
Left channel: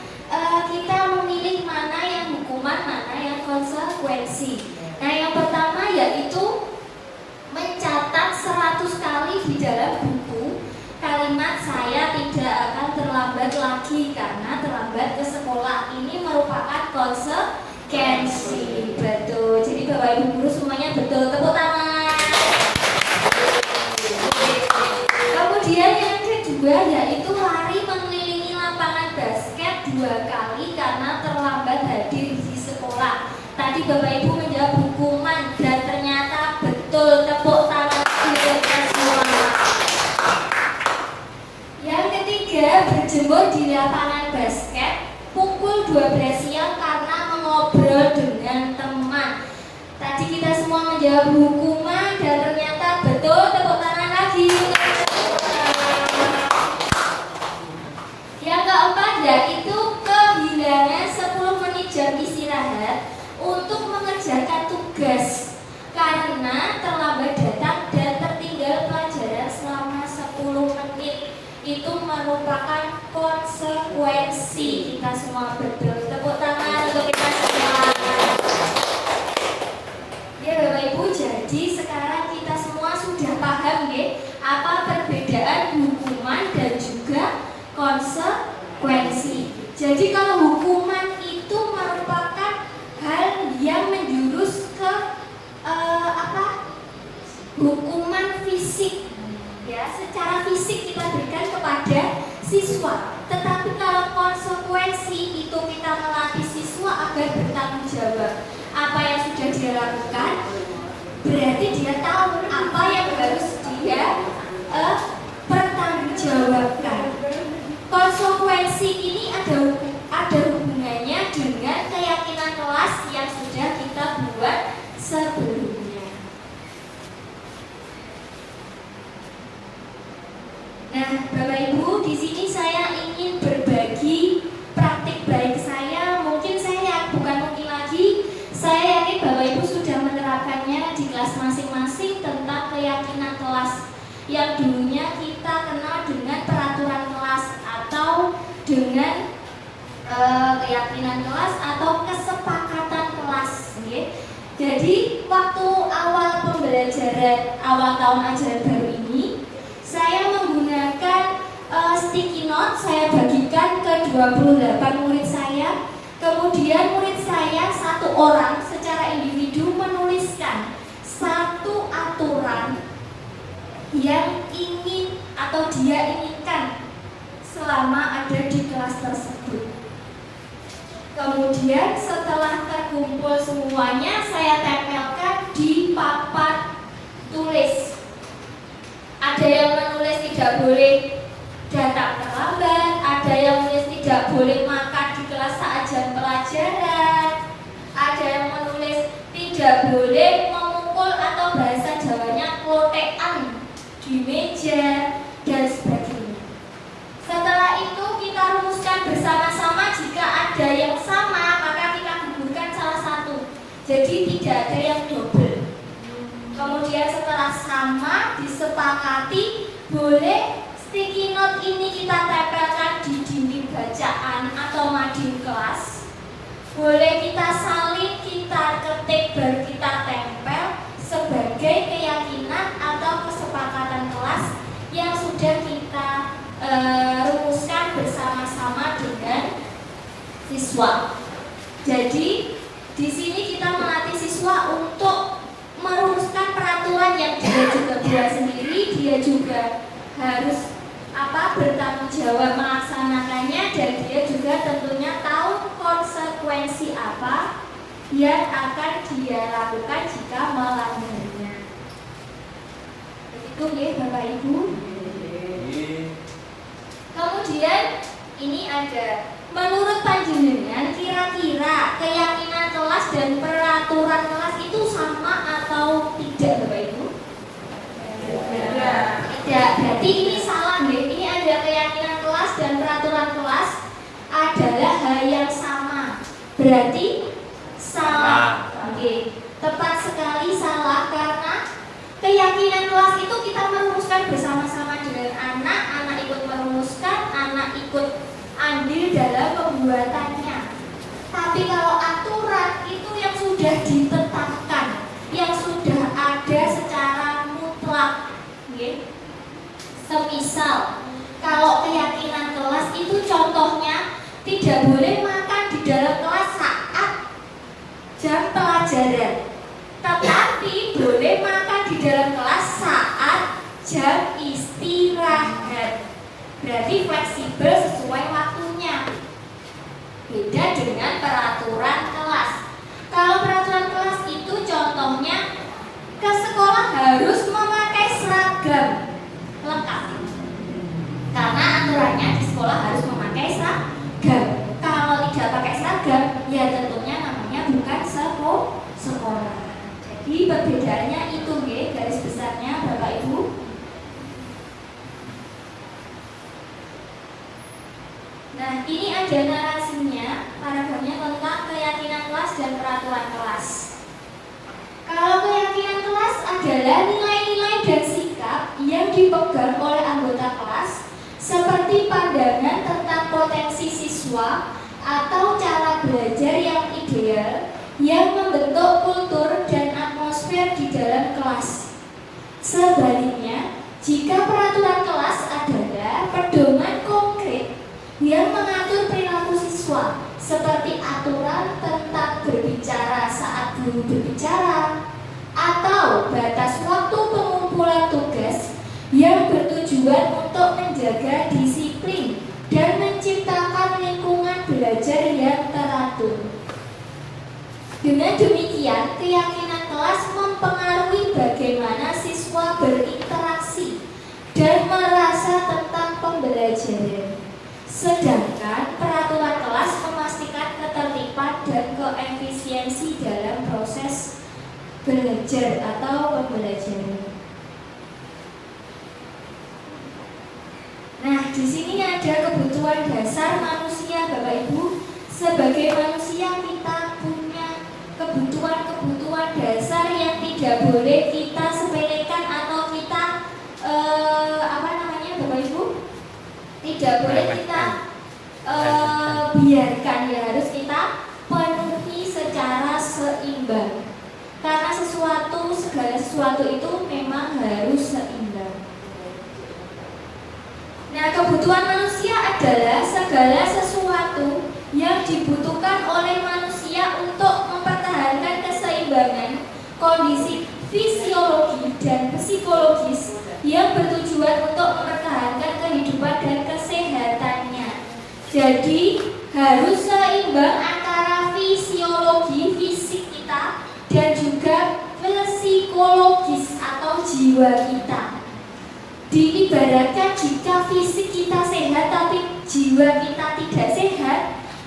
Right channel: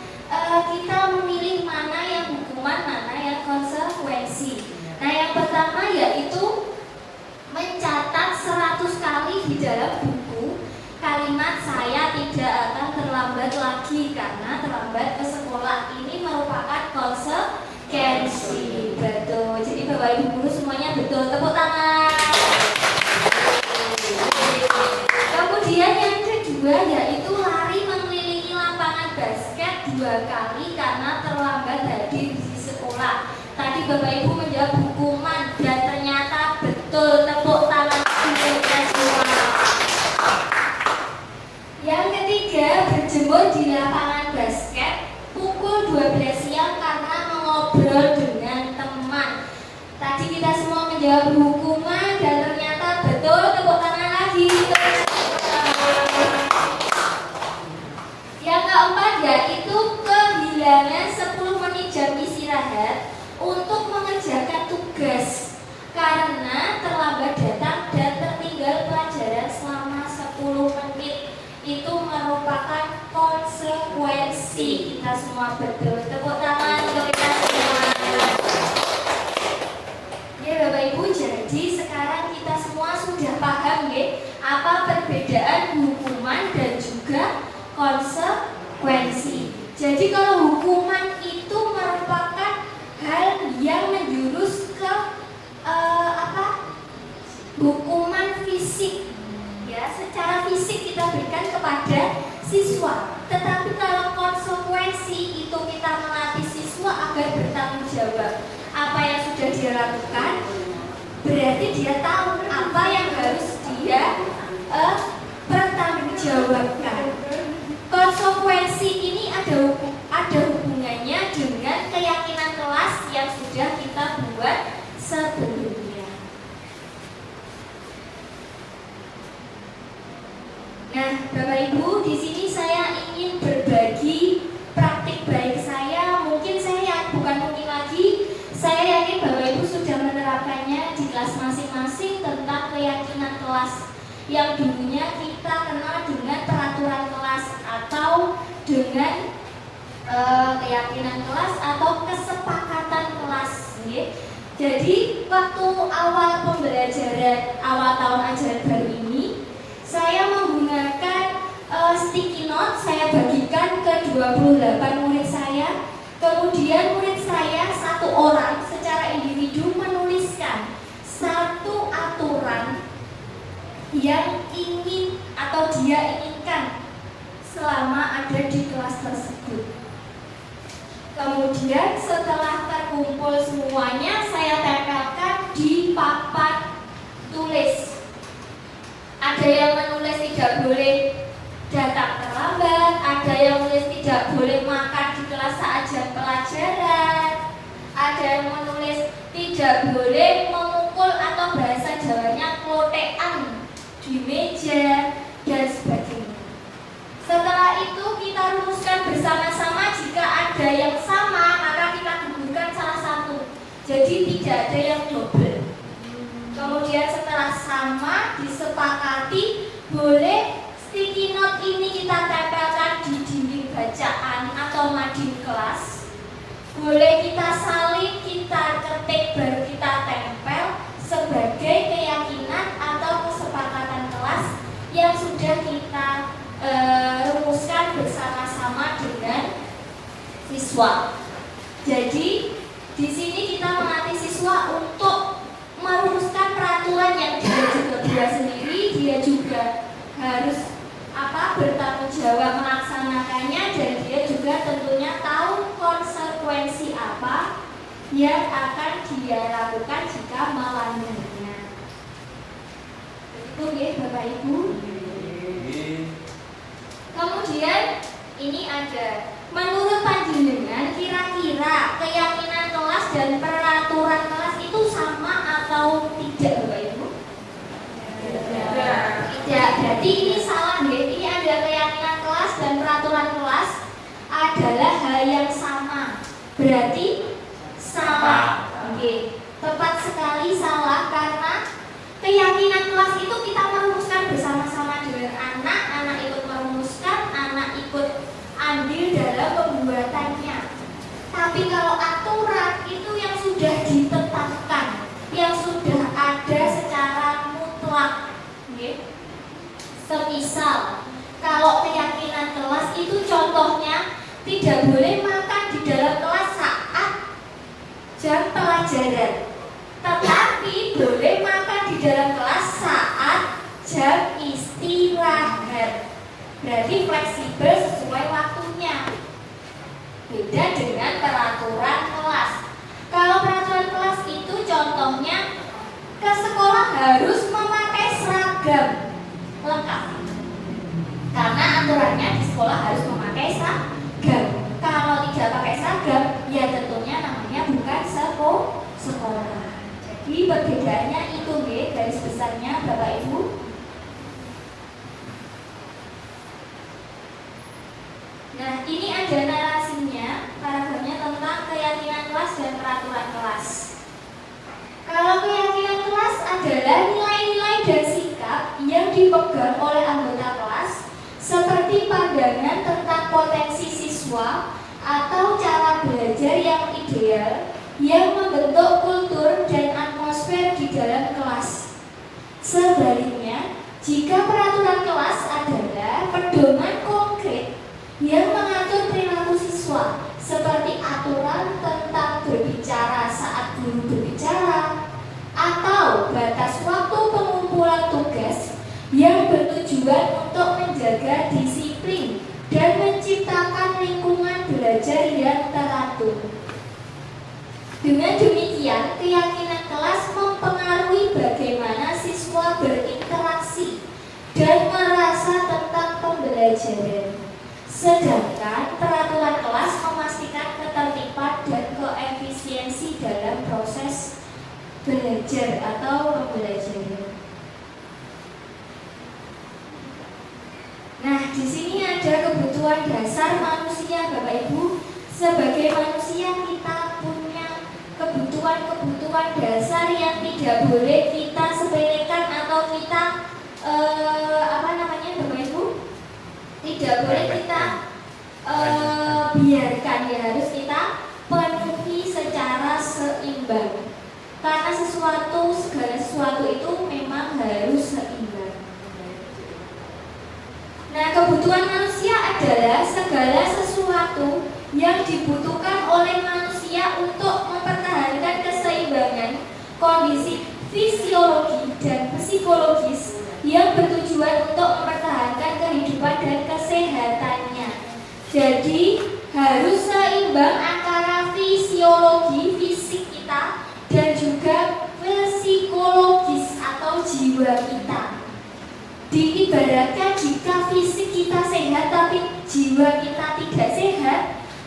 kita memilih mana yang hukuman, mana yang konsekuensi. Nah, yang pertama yaitu mencatat 100 kali di dalam buku kalimat saya tidak akan terlambat lagi karena terlambat ke sekolah. Ini merupakan konsekuensi. Betul. Jadi Bapak Ibu guru semuanya betul. Tepuk tangan. Kemudian yang kedua yaitu lari mengelilingi lapangan basket 2 kali karena terlambat hadir di sekolah. Tadi Bapak Ibu menjawab hukuman dan ternyata betul. Tepuk tangan untuk semua. Yang ketiga, berjemur di lapangan basket pukul 12 siang karena mengobrol dengan teman. Tadi kita semua menjawab hukuman dan ternyata betul. Tepuk tangan lagi. Yang keempat yaitu kehilangan 10 menit jam istirahat untuk mengerjakan tugas karena terlambat datang dan tertinggal pelajaran selama 10 menit. Itu merupakan konsekuensi. Kita semua betul. Tepuk tangan untuk kita semua. Ya Bapak Ibu, jadi sekarang kita semua sudah paham ya apa perbedaan hukuman dan juga konsekuensi. Jadi kalau hukuman itu merupakan hal yang menjurus ke hukuman fisik, ya secara fisik kita berikan kepada siswa. Tetapi kalau konsekuensi itu kita melatih siswa agar bertanggung jawab apa yang sudah dia lakukan, berarti dia tahu apa yang harus dia pertanggungjawabkan. Konsekuensi ini ada hubungannya dengan keyakinan kelas yang sudah kita buat sebelumnya. Nah, Bapak Ibu, di sini saya ingin berbagi praktik baik saya. Mungkin saya yakin Bapak Ibu sudah menerapkannya di kelas masing-masing tentang keyakinan kelas yang dulunya kita kenal dengan peraturan kelas atau dengan keyakinan kelas atau kesepakatan kelas. Jadi waktu awal pembelajaran awal tahun ajaran baru ini, saya menggunakan sticky note. Saya bagikan ke 28 murid saya. Kemudian murid saya satu orang secara individu menuliskan satu aturan yang ingin atau dia inginkan selama ada di kelas tersebut. Kemudian setelah terkumpul semuanya, saya tempelkan di papan tulis. Ada yang menulis tidak boleh datang terlambat, ada yang menulis tidak boleh makan di kelas saat jam pelajaran, ada yang menulis tidak boleh memukul atau bahasa Jawanya klotekan di meja dan sebagainya. Setelah itu kita rumuskan bersama-sama. Jika ada yang sama maka kita gugurkan salah satu, jadi tidak ada yang double. Kemudian setelah sama disepakati, boleh sticky note ini kita tempelkan di dinding bacaan atau mading kelas. Boleh kita salin, kita ketik, baru kita tempel sebagai keyakinan atau kesepakatan kelas yang sudah kita rumuskan bersama-sama dengan siswa. Jadi di sini kita melatih siswa untuk merumuskan peraturan yang dia juga buat sendiri, dia juga harus bertanggung jawab melaksanakannya, dan dia juga tentunya tahu konsekuensi apa yang akan dia lakukan jika melanggarnya. Begitu ya Bapak Ibu. kemudian ini ada, menurut panjenengan kira-kira keyakinan kelas dan peraturan kelas itu sama atau tidak Bapak Ibu? Tidak, berarti ini salah ya. Ini ada keyakinan kelas dan peraturan kelas adalah hal yang sama. Berarti salah. Oke, tepat sekali salah karena keyakinan kelas itu kita merumuskan bersama-sama dengan anak ikut merumuskan, anak ikut andil dalam pembuatannya. Tapi kalau aturan itu yang sudah ditetapkan, yang sudah ada secara mutlak. Okay. Semisal kalau keyakinan kelas itu contohnya tidak boleh makan di dalam kelas saat jam pelajaran, tetapi boleh makan di dalam kelas saat jam istirahat. Berarti fleksibel sesuai waktunya. Beda dengan peraturan kelas. Kalau peraturan kelas itu contohnya ke sekolah harus memakai seragam lengkap. Karena aturannya di sekolah harus memakai seragam. Kalau tidak pakai seragam, ya tentunya namanya bukan sekolah. Jadi perbedaannya itu garis besarnya Bapak Ibu. Nah, ini ada narasinya, paragrafnya tentang keyakinan kelas dan peraturan kelas. Kalau keyakinan kelas adalah nilai-nilai dan sikap yang dipegang oleh anggota kelas, seperti pandangan tentang potensi siswa atau cara belajar yang ideal, yang membentuk kultur dan atmosfer di dalam kelas. Sebaliknya, jika peraturan kelas adalah pedoman konkret yang mengatur perilaku siswa, seperti aturan tentang berbicara saat guru berbicara, atau batas waktu pengumpulan tugas yang bertujuan untuk menjaga disiplin dan menciptakan lingkungan belajar yang teratur. Dengan demikian, keyakinan kelas mempengaruhi bagaimana siswa berinteraksi dan merasa tentang pembelajaran. Sedangkan peraturan kelas memastikan ketertiban dan koefisiensi dalam proses belajar atau pembelajaran. Nah, di sini ada kebutuhan dasar manusia, Bapak Ibu. Sebagai manusia kita punya kebutuhan dasar yang tidak boleh kita sepelekan atau kita Bapak Ibu? Tidak boleh kita biarkan, ya harus kita penuhi secara seimbang. Karena segala sesuatu itu memang harus seimbang. Nah, kebutuhan manusia adalah segala sesuatu yang dibutuhkan oleh manusia untuk mempertahankan keseimbangan kondisi fisiologi dan psikologis yang bertujuan untuk mempertahankan kehidupan dan kesehatannya. Jadi harus seimbang antara fisiologi fisik kita dan juga psikologis atau jiwa kita. Diibaratkan jika fisik kita sehat tapi jiwa kita tidak sehat,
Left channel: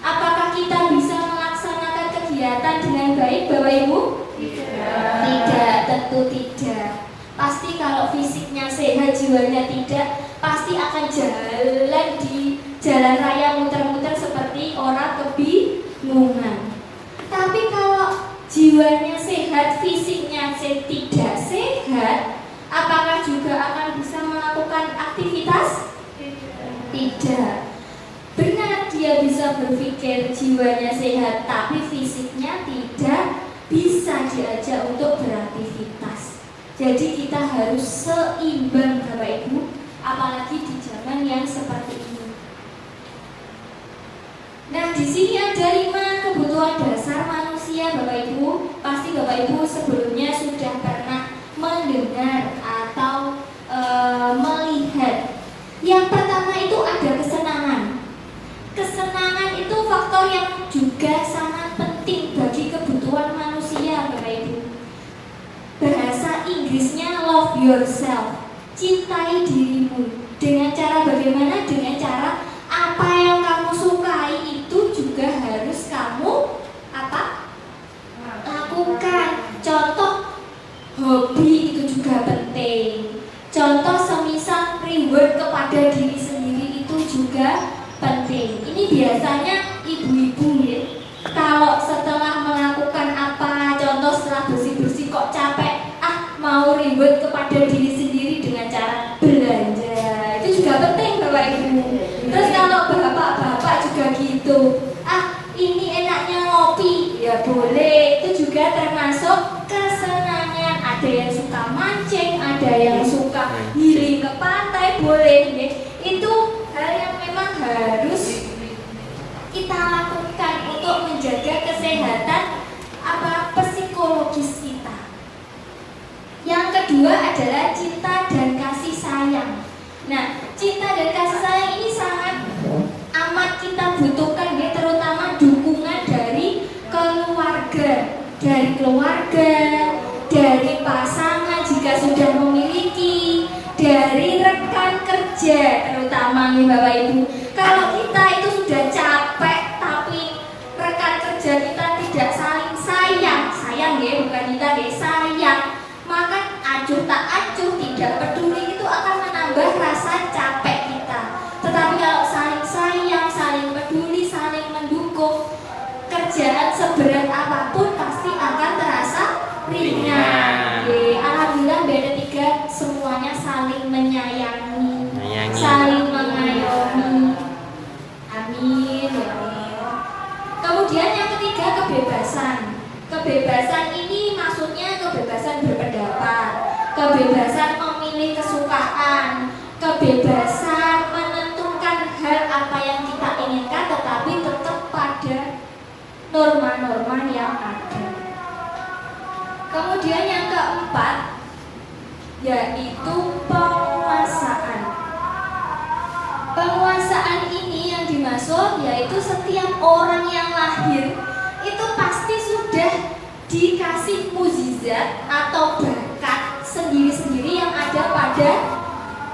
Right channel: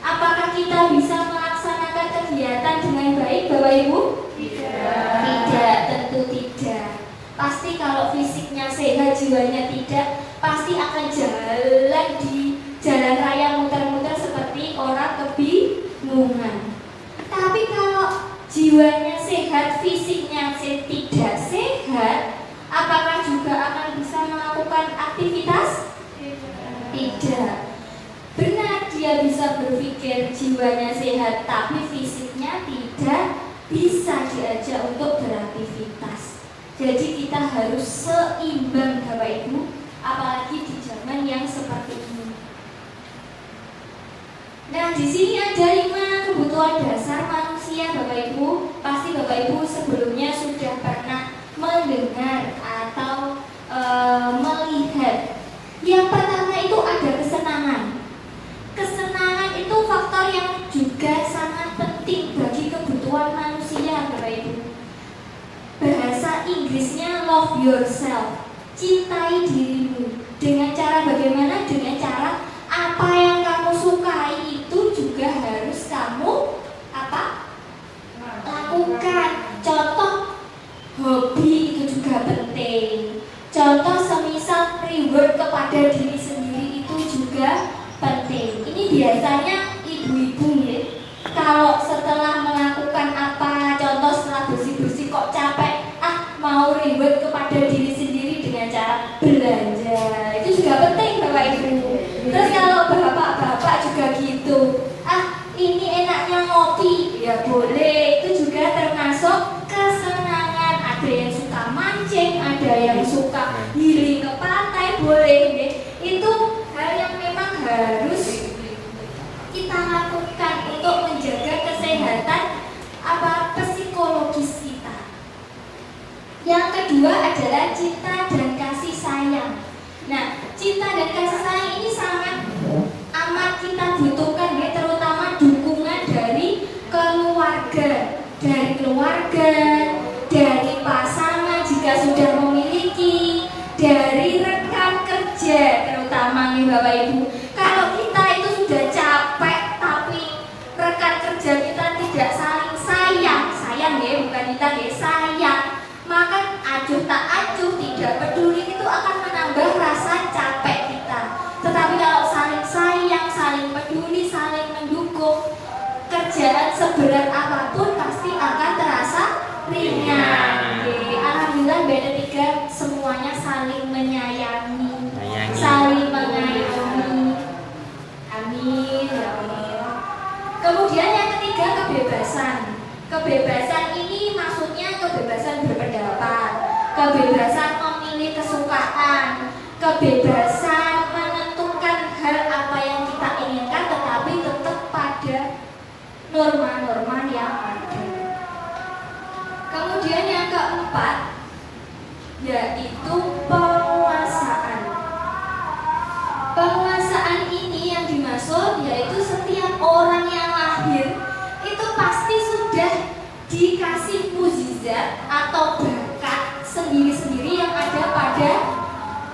apakah kita bisa melaksanakan kegiatan dengan baik, Bapak Ibu? Tidak, tentu tidak. Pasti kalau fisiknya sehat, jiwanya tidak, pasti akan jalan di jalan raya muter-muter seperti orang kebingungan. Tapi kalau jiwanya sehat, fisiknya tidak sehat, apakah juga akan bisa melakukan aktivitas? Tidak. Benar, dia bisa berpikir jiwanya sehat, tapi fisiknya tidak bisa diajak untuk beraktivitas. Jadi kita harus seimbang, Bapak Ibu, apalagi di zaman yang seperti ini. Nah, di sini ada 5 kebutuhan dasar manusia, Bapak Ibu. Pasti Bapak Ibu sebelumnya sudah pernah mendengar atau melihat. Yang pertama itu ada kesenangan. Kesenangan itu faktor yang juga sangat penting bagi kebutuhan manusia, Bapak Ibu. Bahasa Inggrisnya love yourself, cintai dirimu. Dengan cara bagaimana? Dengan cara Terus kalau bapak-bapak juga gitu, ini enaknya ngopi, ya boleh, itu juga termasuk kesenangan. Ada yang suka mancing, ada yang suka healing ke pantai, boleh ya. Itu hal yang memang harus kita lakukan untuk menjaga kesehatan psikologis kita. Yang kedua adalah cinta dan kasih sayang. Nah, cinta dan kasih sayang ini sangat amat kita butuhkan ya, terutama dukungan dari keluarga, dari pasangan jika sudah memiliki, dari rekan kerja terutama nih Bapak Ibu. Kalau kita itu sudah capek tapi rekan kerja kita tidak saling sayang ya, bukan kita ya, sayang, maka acuh tak acuh, tidak peduli, itu akan menambah rasa capek kita. Tetapi kalau saling sayang, saling peduli, saling mendukung, kerjaan seberat apapun pasti akan terasa ringan. Alhamdulillah BD3 semuanya saling menyayangi, saling mengayomi. Amin ya Allah. Kemudian yang ketiga, kebebasan. Kebebasan ini maksudnya kebebasan berpendapat, kebebasan memilih kesukaan, kebebasan menentukan hal apa yang kita inginkan, tetapi tetap pada norma-norma yang ada. Kemudian yang keempat, yaitu penguasaan. Penguasaan ini yang dimaksud yaitu setiap orang yang lahir itu pasti sudah dikasih mukjizat atau bakat sendiri-sendiri yang ada pada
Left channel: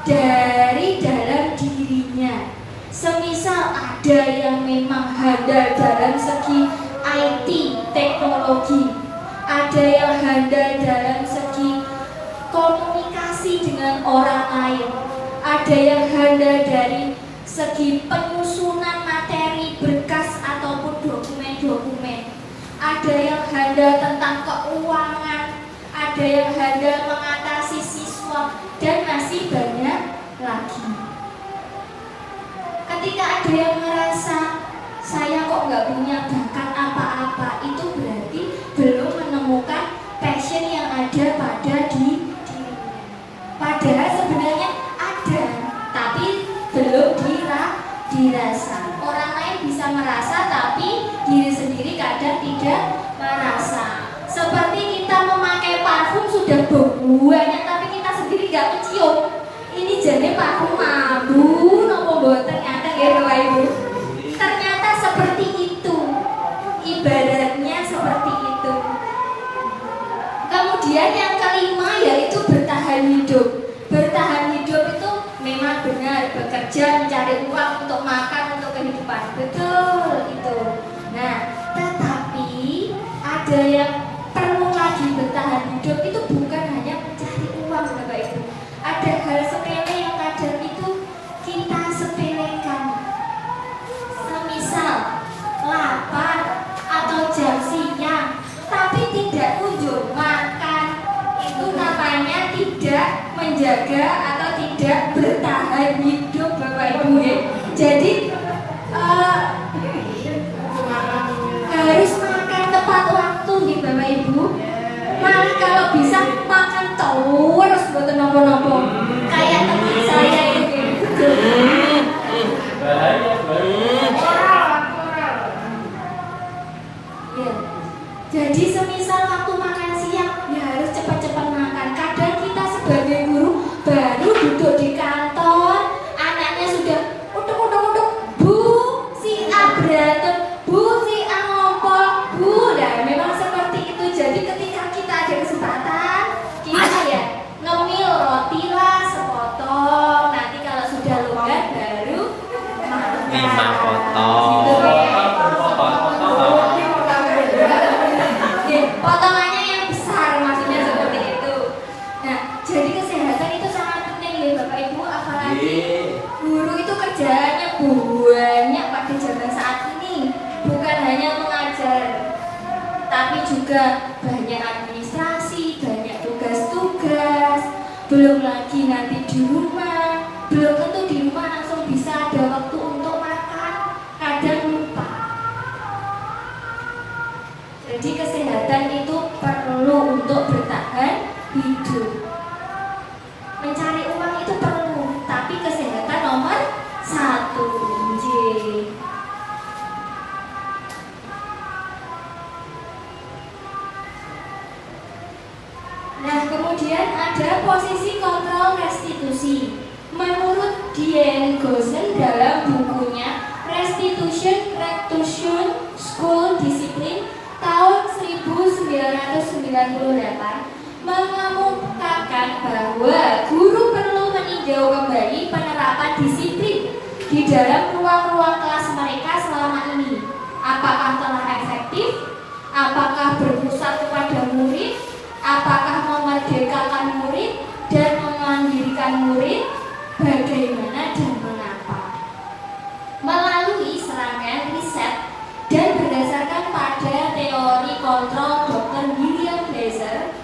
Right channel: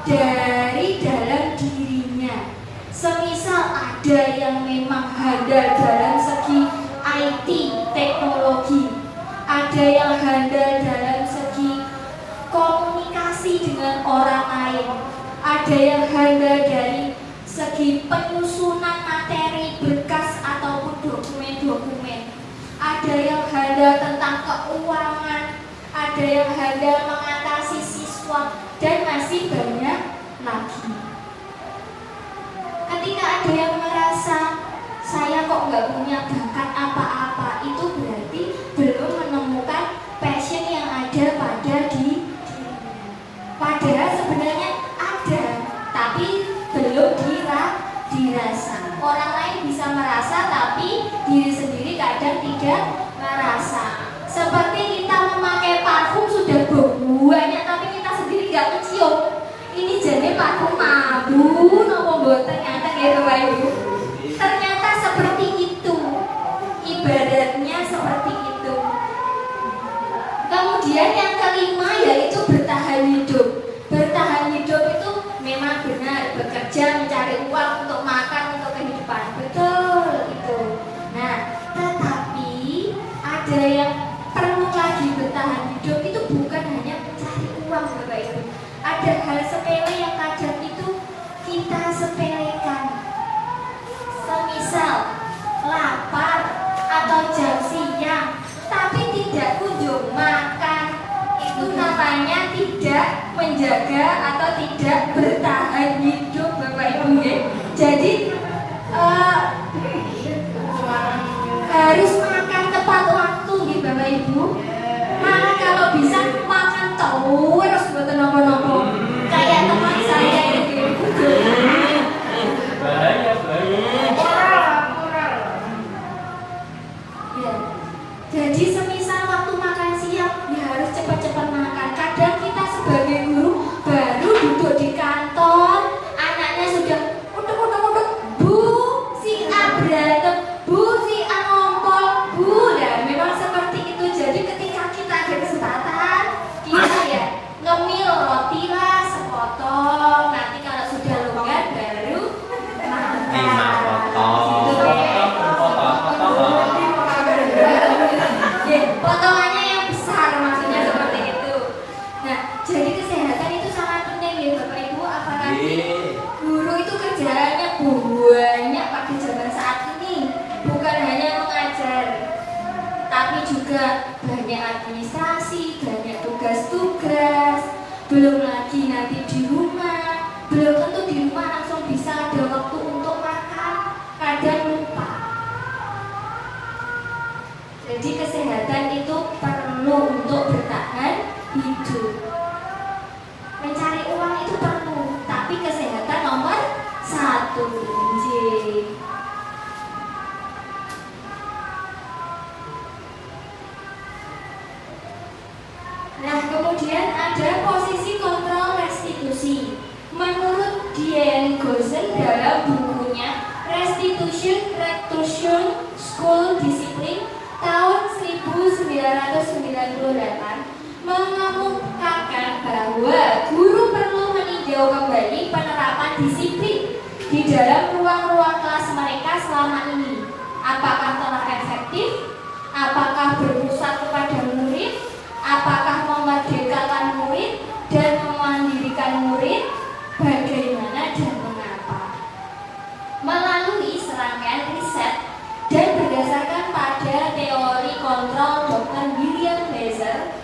dari dalam dirinya. Semisal ada yang memang handal dalam segi IT, teknologi, ada yang handal dalam segi komunikasi dengan orang lain, ada yang handal dari segi penyusunan materi berkas ataupun dokumen-dokumen, ada yang handal tentang keuangan, ada yang handal mengatasi siswa, dan masih banyak lagi. Ketika ada yang merasa saya kok nggak punya bakat apa-apa, itu berarti belum menemukan passion yang ada pada dirinya. Padahal sebenarnya ada, tapi belum dirasa. Orang lain bisa merasa, tapi diri sendiri kadang tidak merasa. Seperti kita memakai parfum sudah banyak, tapi kita sendiri nggak mencium. Ini jadi parfum mabuk, nopo boten nyata ya Bapak Ibu. Ternyata seperti itu, ibaratnya seperti itu. Kemudian yang kelima yaitu bertahan hidup. Bertahan hidup itu memang benar, bekerja mencari uang untuk makan, untuk kehidupan, betul itu. Nah, tetapi ada yang perlu lagi bertahan hidup itu bukan hanya mencari uang Bapak Ibu. Ada hal sepele yang kadang itu kita sepelekan. Semisal lapar atau jam siang tapi tidak kunjung makan, itu namanya tidak menjaga atau tidak bertahan hidup Bapak Ibu ya. Jadi harus makan tepat waktu nih Bapak Ibu. Malah kalau bisa makan terus buat nopo-nopo. Kayak teman saya ini. Bahaya. Ya. Jadi semisal waktu makan siang ya harus cepat-cepat makan. Kadang kita sebagai guru baru duduk di kantor, anaknya sudah utuk, Bu, si A berantem, Bu, si A ngompol, Bu. Dan memang seperti itu. Jadi ketika kita ada kesempatan, kita ya ngemil roti lah sepotong. Nanti kalau sudah longgar baru makan. 5 potong. Potongannya yang besar, maksudnya seperti itu. Nah, jadi kesehatan itu sangat penting ya Bapak Ibu, apalagi guru itu kerjaannya banyak pada zaman saat ini. Bukan hanya mengajar, tapi juga banyak administrasi, banyak tugas-tugas. Belum lagi nanti di rumah, belum tentu di rumah langsung bisa ada waktu untuk makan, kadang lupa. Jadi kesehatan itu perlu untuk bertahan hidup. Mencari uang itu perlu, tapi kesehatan nomor 1. Nah, kemudian ada posisi kontrol restitusi. Menurut Diane Gosen dalam bukunya Restitution School Discipline tahun 1998 mengemukakan bahwa guru perlu meninjau kembali penerapan disiplin di dalam ruang-ruang kelas mereka selama ini. Apakah telah efektif? Apakah berpusat kepada murid? Apakah memerdekakan murid dan memandirikan murid? Bagaimana dan mengapa? Melalui serangkaian riset dan berdasarkan pada teori kontrol Dr. William Glaser,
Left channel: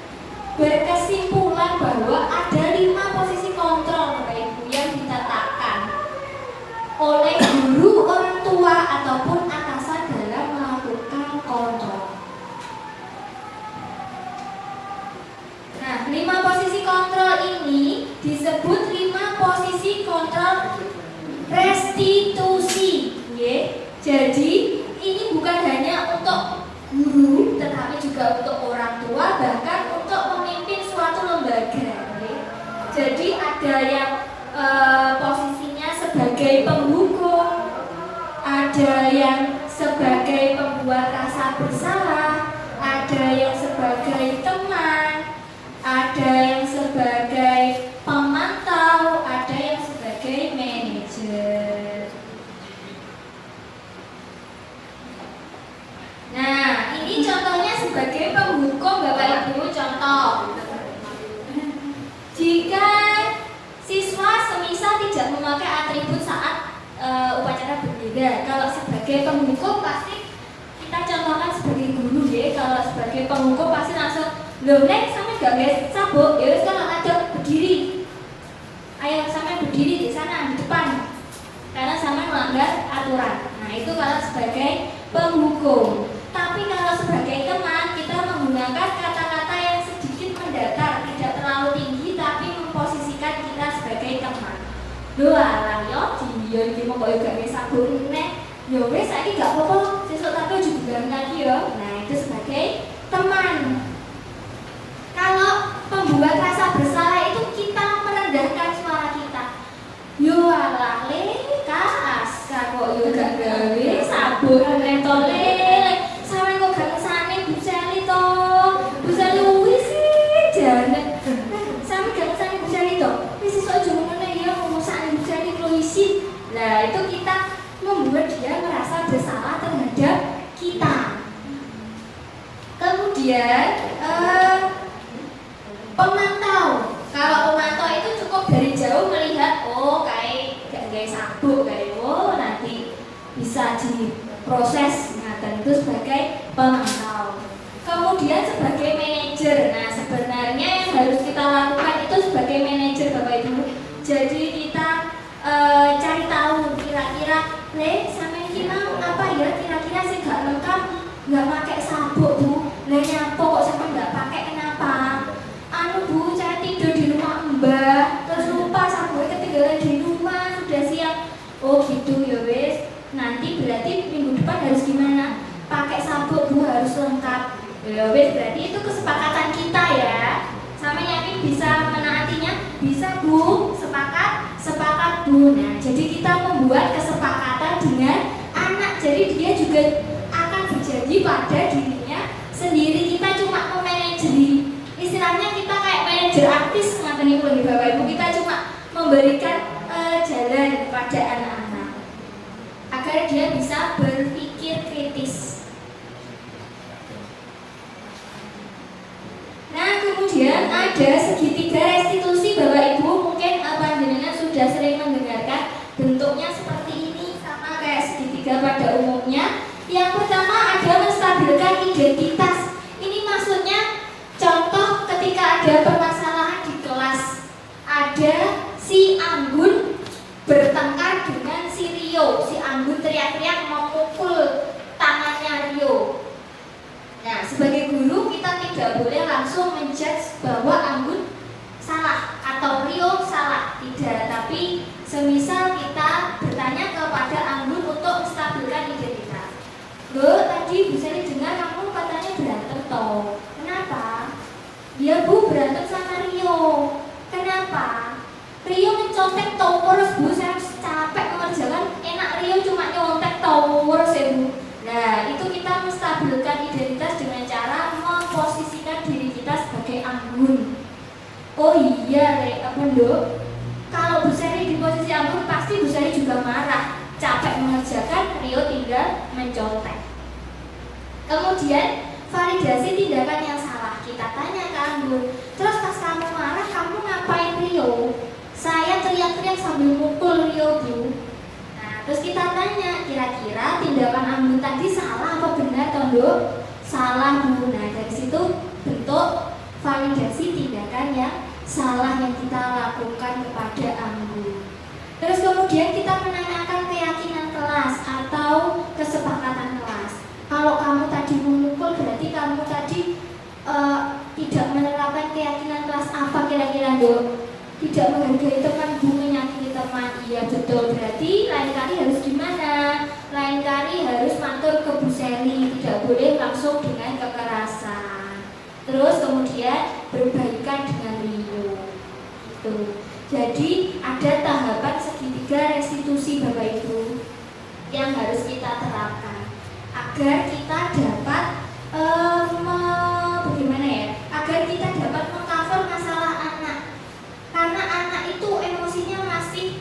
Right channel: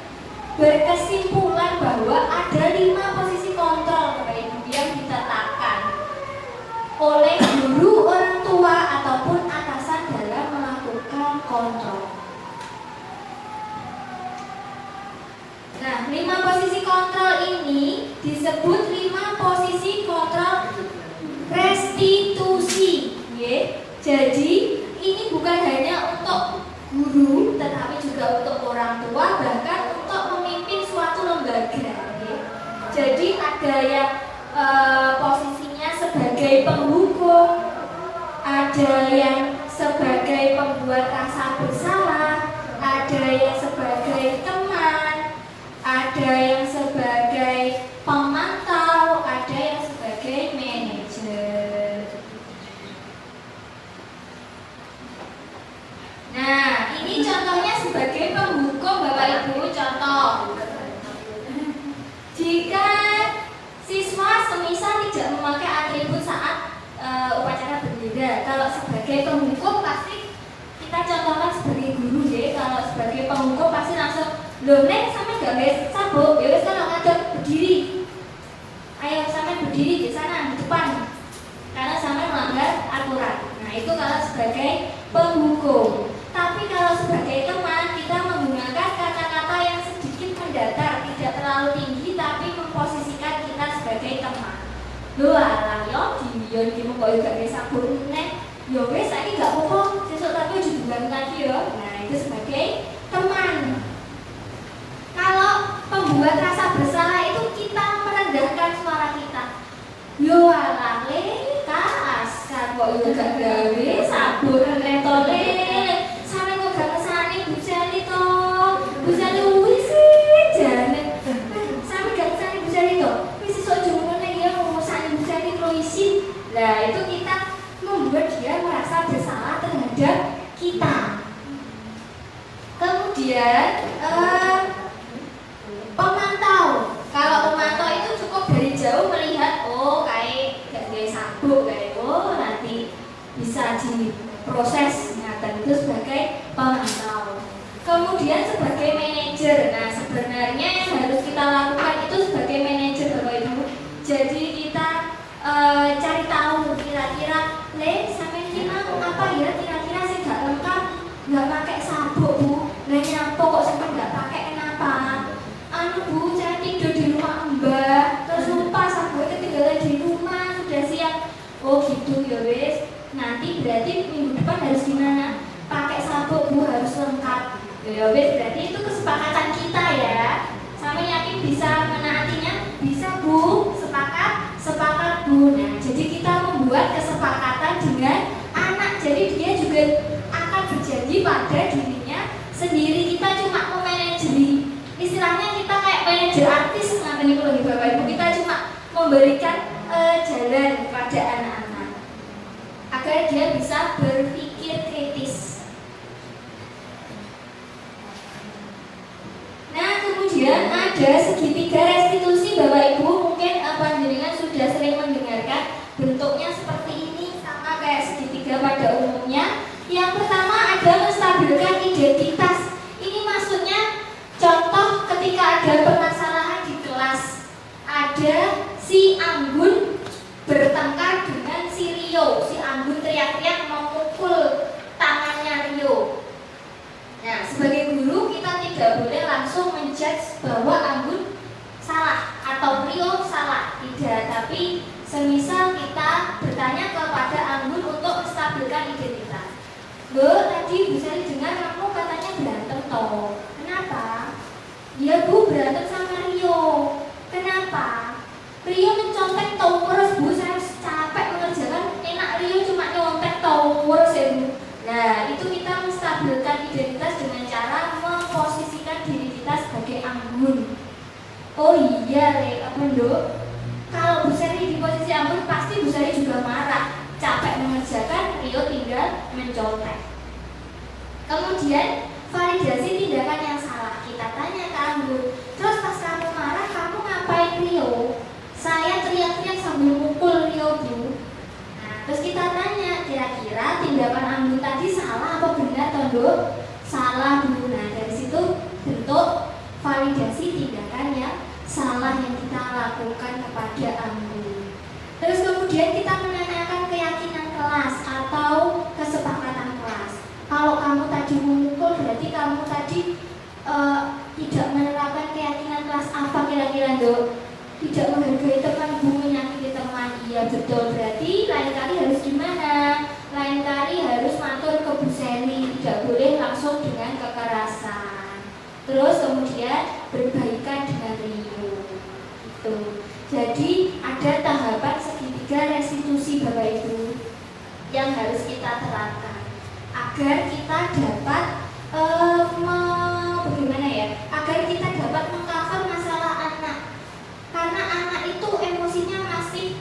berkesimpulan bahwa ada 5 posisi kontrol Bapak Ibu yang ditetapkan oleh guru, orang tua ataupun atasan dalam melakukan kontrol. Nah, 5 posisi kontrol ini disebut 5 posisi kontrol restitusi. Jadi ini bukan hanya untuk guru, tetapi juga untuk orang tua, bahkan untuk memimpin suatu lembaga. Jadi ada yang posisinya sebagai penghukum, ada yang sebagai pembuat rasa bersalah, ada yang sebagai teman, ada yang sebagai pemantau, ada yang sebagai manajer. Nah, ini contohnya sebagai penghukum Bapak Ibu. Contoh, jika siswa semisal tidak memakai atribut saat upacara bendera, kalau sebagai penghukum pasti kita contohkan sebagai guru ya. Kalau sebagai penghukum pasti langsung, loh Lek, sama gak les sabuk, ya wis kan ngadep berdiri. Ayo sama berdiri di sana di depan, karena sama melanggar aturan. Nah, itu kalau sebagai penghukum. Tapi kalau sebagai teman, kita menggunakan kata-kata yang sedikit mendatar, tidak terlalu tinggi, tapi memposisikan kita sebagai teman. Loh alah yo, dia iki mau koyo gak les sabuk nek, yo wis saiki gak apa-apa, sesuk tapi ojo diganti lagi yo. Nah, itu sebagai teman. Kalau pembuat rasa bersalah itu kita merendahkan suara kita. Yo alah le, Askar kok yo gak gawe sabun rentole. Sampe kok gak kesane Bu Seli to. Bu Seli wis janet. Sampe gak kesane Bu Seli to. Wis iso aja ngene ya ngomosane Bu Seli lo isin. Lah itu kita membuat dia merasa bersalah terhadap kita. Kemudian pemantau. Kalau pemantau itu cukup dari jauh melihat, oh kayak gak gawe sabuk, kayak oh nanti bisa diproses. Nah, dan itu sebagai pemantau. Kemudian sebagai manajer. Nah, sebenarnya yang harus kita lakukan itu sebagai manajer Bapak Ibu. Jadi kita cari tahu kira-kira, sampai ini mau apa ya? Kira-kira sih gak lengkap, gak pakai sabuk Bu. Lah nyapa kok sampai gak pakai kenapa? Anu Bu, saya tidur di rumah Mbak, terus lupa sabuknya ketinggalan di rumah, sudah siap. Oh gitu ya wes. Nanti berarti minggu depan harus gimana? Pakai sabuk Bu, harus lengkap. Ya wes, berarti itu kesepakatan kita ya. Sampai yakin bisa menaatinya? Bisa Bu, sepakat Bu. Nah, jadi kita membuat kesepakatan dengan anak. Jadi dia juga akan berjanji pada dirinya sendiri. Kita cuma memanajeri. Istilahnya kita kayak manajer artis, ngatain itu lagi Bapak Ibu. Kita cuma memberikan jalan pada anak-anak agar dia bisa berpikir kritis. Nah, kemudian ada segitiga restitusi Bapak Ibu. Mungkin panjenengan sudah sering mendengarkan. Bentuknya seperti ini, sama kayak segitiga pada umumnya. Yang pertama ada menstabilkan identitas. Ini maksudnya contoh ketika ada permasalahan di kelas, ada si Anggun bertengkar dengan si Rio Rio, si Anggun teriak-teriak memukul tangannya Rio. Nah, sebagai guru kita tidak boleh langsung menjudge bahwa Anggun salah atau Rio salah, tidak. Tapi semisal kita bertanya kepada Anggun untuk menstabilkan identitas. Loh, tadi Bu Sari dengar kamu katanya berantem toh. Kenapa? Ya Bu, berantem sama Rio. Kenapa? Rio mencontek toh terus Bu, saya capek mengerjakan, enak Rio cuma nyontek toh terus ya Bu. Nah, itu kita menstabilkan identitas dengan cara memposisikan diri kita sebagai Anggun. Oh iya, apa Dok? Kalau Bu Sari di posisi Anggun, pasti Bu Sari juga marah. Capek mengerjakan, Rio tinggal mencontek. Kemudian, validasi tindakan yang salah. Kita tanya ke Anggun, terus pas kamu marah, kamu ngapain Rio? Saya teriak-teriak sambil mukul Rio Bu. Terus kita tanya, kira-kira tindakan Anggun tadi salah apa benar toh Dok? Salah Bu. Nah, dari situ bentuk validasi tindakan yang salah yang kita lakukan kepada Anggun. Terus kemudian kita menanyakan keyakinan kelas atau kesepakatan kelas. Kalau kamu tadi memukul, berarti kamu tadi tidak menerapkan keyakinan kelas apa kira-kira Dok? Tidak menghargai teman Bu, menyakiti teman. Iya betul, berarti lain kali harus gimana? Lain kali harus matur ke Bu Seli, tidak boleh langsung dengan kekerasan. Terus kemudian berbaikan dengan Rio. Gitu. Jadi ada tahapan segitiga restitusi Bapak Ibu yang harus kita terapkan agar kita dapat bagaimana ya? Agar kita dapat mengcover masalah anak. Karena anak itu emosinya masih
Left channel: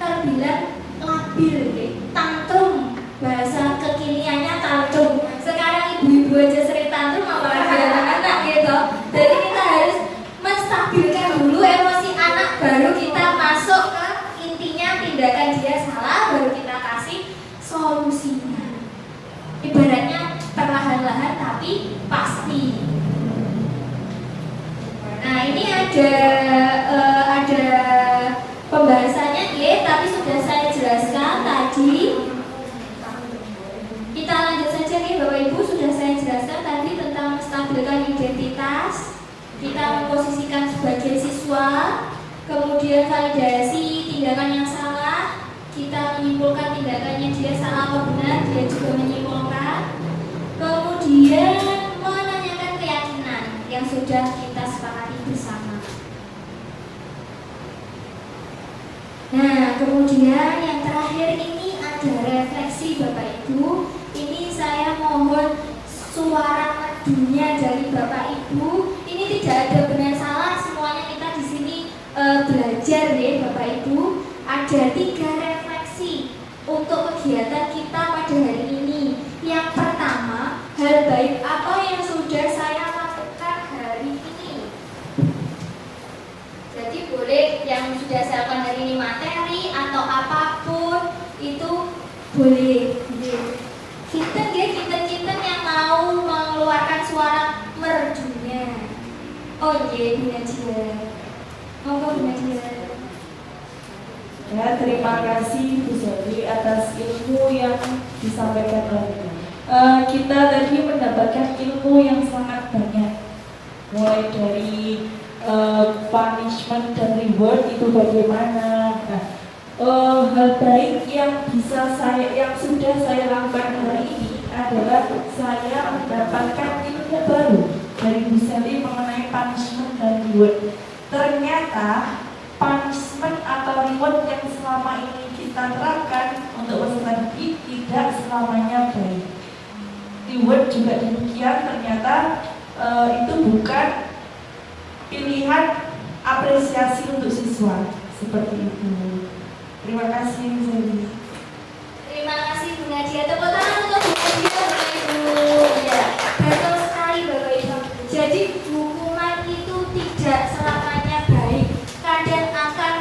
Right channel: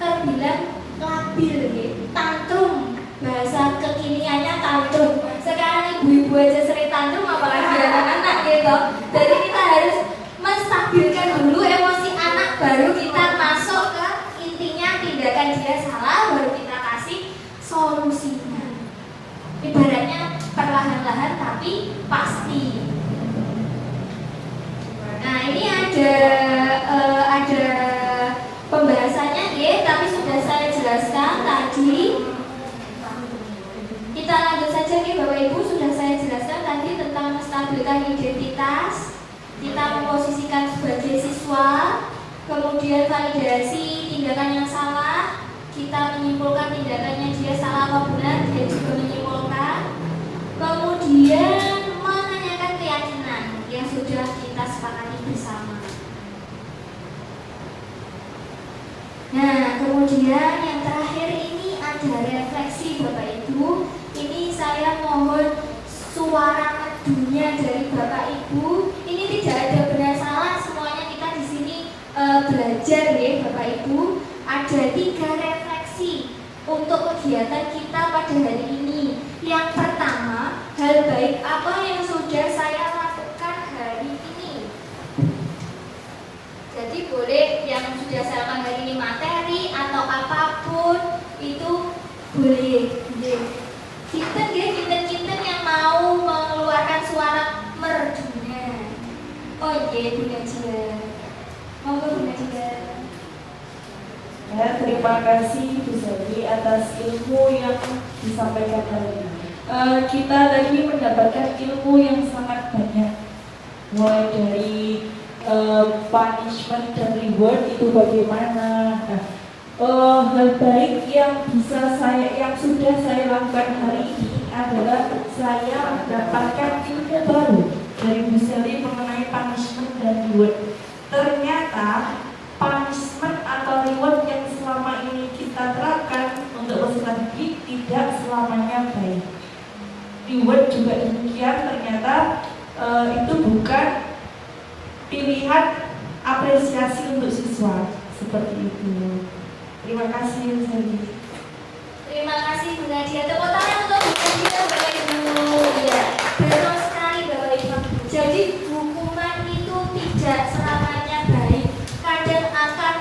terbilang labil, gitu. Tantrum, bahasa kekiniannya tantrum. Sekarang ibu-ibu aja sering tantrum, apalagi anak-anak gitu. Jadi kita harus menstabilkan dulu emosi anak, baru kita masuk ke intinya tindakan dia salah, baru kita kasih solusinya. Ibaratnya perlahan-lahan tapi pasti. Nah, ini ada pembahasannya ya, tapi sudah saya jelaskan tadi. Kita lanjut saja nih Bapak Ibu, sudah saya jelaskan tadi tentang menstabilkan identitas. Kita memposisikan sebagai siswa, kemudian validasi tindakan yang salah. Kita menyimpulkan tindakannya dia salah apa benar, dia juga menyimpulkan. Kemudian menanyakan keyakinan yang sudah kita sepakati bersama. Nah, kemudian yang terakhir ini ada refleksi Bapak Ibu. Ini saya mohon suara merdunya dari Bapak Ibu. Ini tidak ada benar salah, semuanya kita di sini belajar ya Bapak Ibu. Ada 3 refleksi untuk kegiatan kita pada hari ini. Yang pertama, hal baik apa yang sudah saya lakukan hari ini? Jadi boleh yang sudah saya lakukan hari ini materi atau apapun itu boleh. Cinten yang mau mengeluarkan suara merdunya. Oh iya, Bu Najia. Monggo Bu Najia. Ya, terima kasih Bu Sari atas ilmu yang disampaikan tadi. Kita tadi mendapatkan ilmu yang sangat banyak, mulai dari punishment dan reward itu bagaimana. Hal baik yang sudah saya lakukan hari ini adalah saya mendapatkan ilmu baru dari Bu Sari mengenai punishment dan reward. Ternyata punishment atau reward yang selama ini kita terapkan untuk peserta didik tidak selamanya baik. Reward juga demikian, ternyata itu bukan pilihan apresiasi untuk siswa seperti itu. Terima kasih Bu Sari. Terima kasih Bu Nadia. Tepuk tangan untuk Bu Nadia Bapak Ibu. Ya, betul sekali Bapak Ibu. Jadi hukuman itu tidak selamanya baik. Kadang akan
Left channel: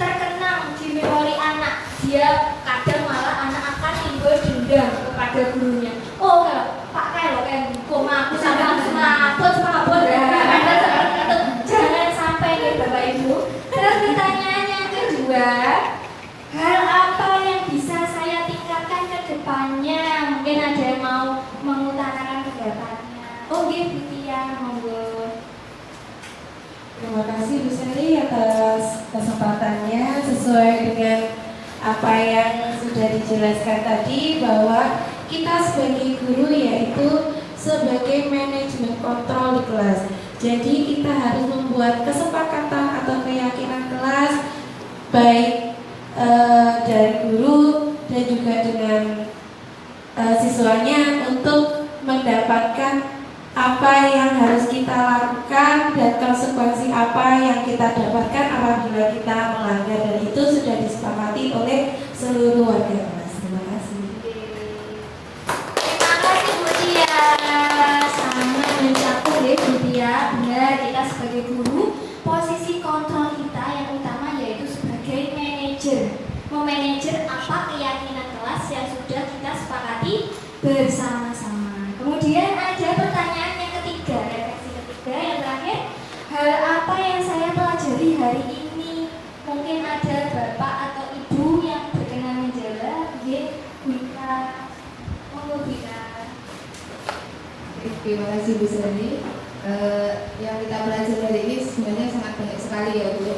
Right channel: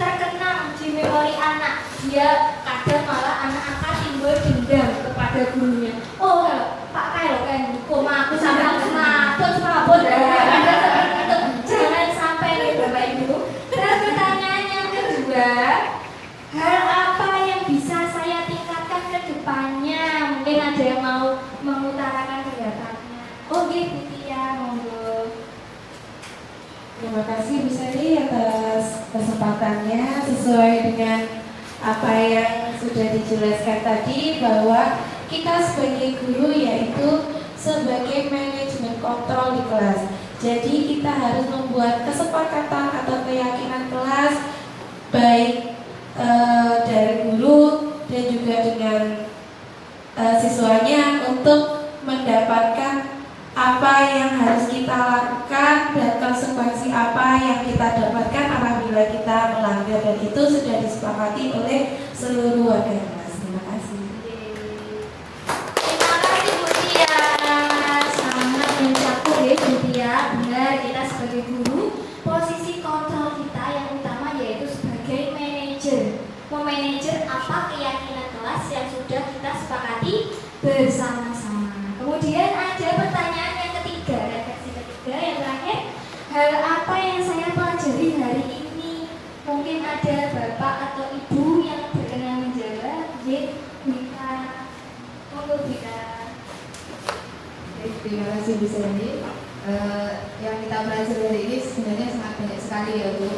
terkenang di memori anak. Dia kadang malah anak akan timbul dendam kepada gurunya. Oh, Pak Kelo kan hukum aku sampai aku mabot ada seperti itu. Jangan sampai ya Bapak Ibu. Terus pertanyaan yang kedua, hal apa yang bisa sesuai dengan apa yang sudah dijelaskan tadi, bahwa kita sebagai guru yaitu sebagai manajemen kontrol di kelas. Jadi kita harus membuat kesepakatan atau keyakinan kelas baik dari guru dan juga dengan siswanya untuk mendapatkan apa yang harus kita lakukan dan konsekuensi apa yang kita dapatkan apabila kita melanggar, dan itu sudah disepakati oleh seluruh warga kelas. Terima kasih. Terima kasih Bu Tia, sangat mencakup ya Bu Tia. Benar, kita sebagai guru posisi kontrol kita yang utama yaitu sebagai manajer, memanajer apa keyakinan kelas yang sudah kita sepakati bersama-sama. Kemudian ada pertanyaan yang ketiga, refleksi ketiga yang terakhir, hal apa yang saya pelajari hari ini? Mungkin ada bapak atau ibu yang berkenan menjawab. Wika, monggo Wika. Terima kasih Bu Sani. Yang kita pelajari hari ini sebenarnya sangat banyak sekali ya Bu.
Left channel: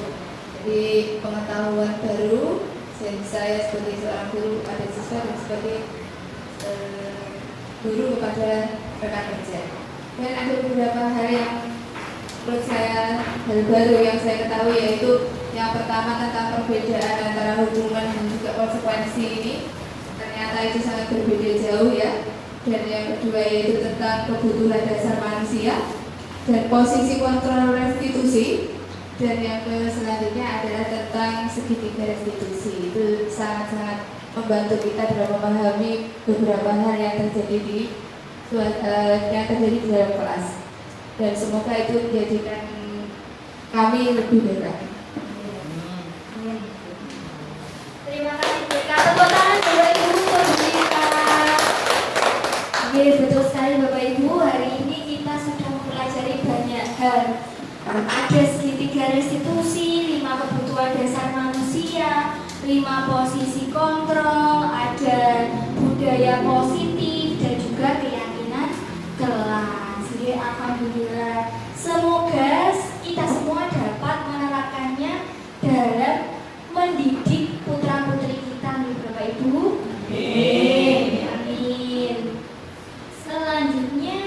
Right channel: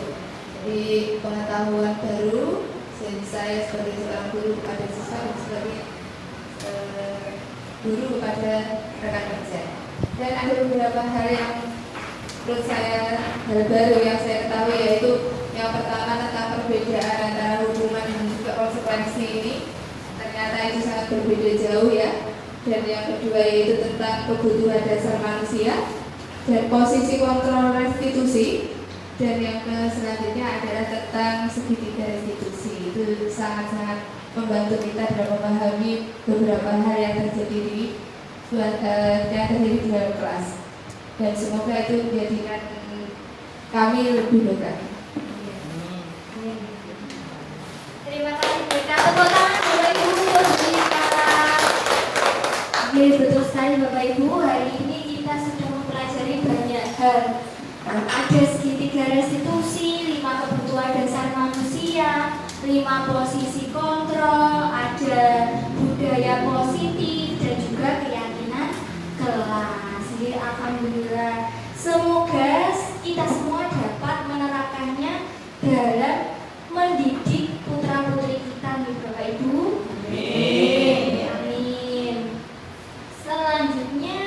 Jadi pengetahuan baru saya sebagai seorang guru kepada siswa dan sebagai guru kepada rekan kerja. Dan ada beberapa hal yang menurut saya hal baru yang saya ketahui, yaitu yang pertama tentang perbedaan antara hukuman dan juga konsekuensi ini. Ternyata itu sangat berbeda jauh ya. Dan yang kedua yaitu tentang kebutuhan dasar manusia dan posisi kontrol restitusi. Dan yang selanjutnya adalah tentang segitiga restitusi. Itu sangat-sangat membantu kita dalam memahami beberapa hal yang terjadi di dalam kelas. Dan semoga itu menjadikan kami lebih baik lagi. Terima kasih Wika. Tepuk tangan Bapak Ibu untuk Wika. Oke, betul sekali Bapak Ibu. Hari ini kita sudah mempelajari banyak hal. Ada segitiga restitusi, 5 kebutuhan dasar manusia, 5 posisi kontrol, ada budaya positif dan juga keyakinan kelas. Jadi alhamdulillah, semoga kita semua dapat menerapkannya dalam mendidik putra-putri kita nih Bapak Ibu. Amin. Amin. Selanjutnya,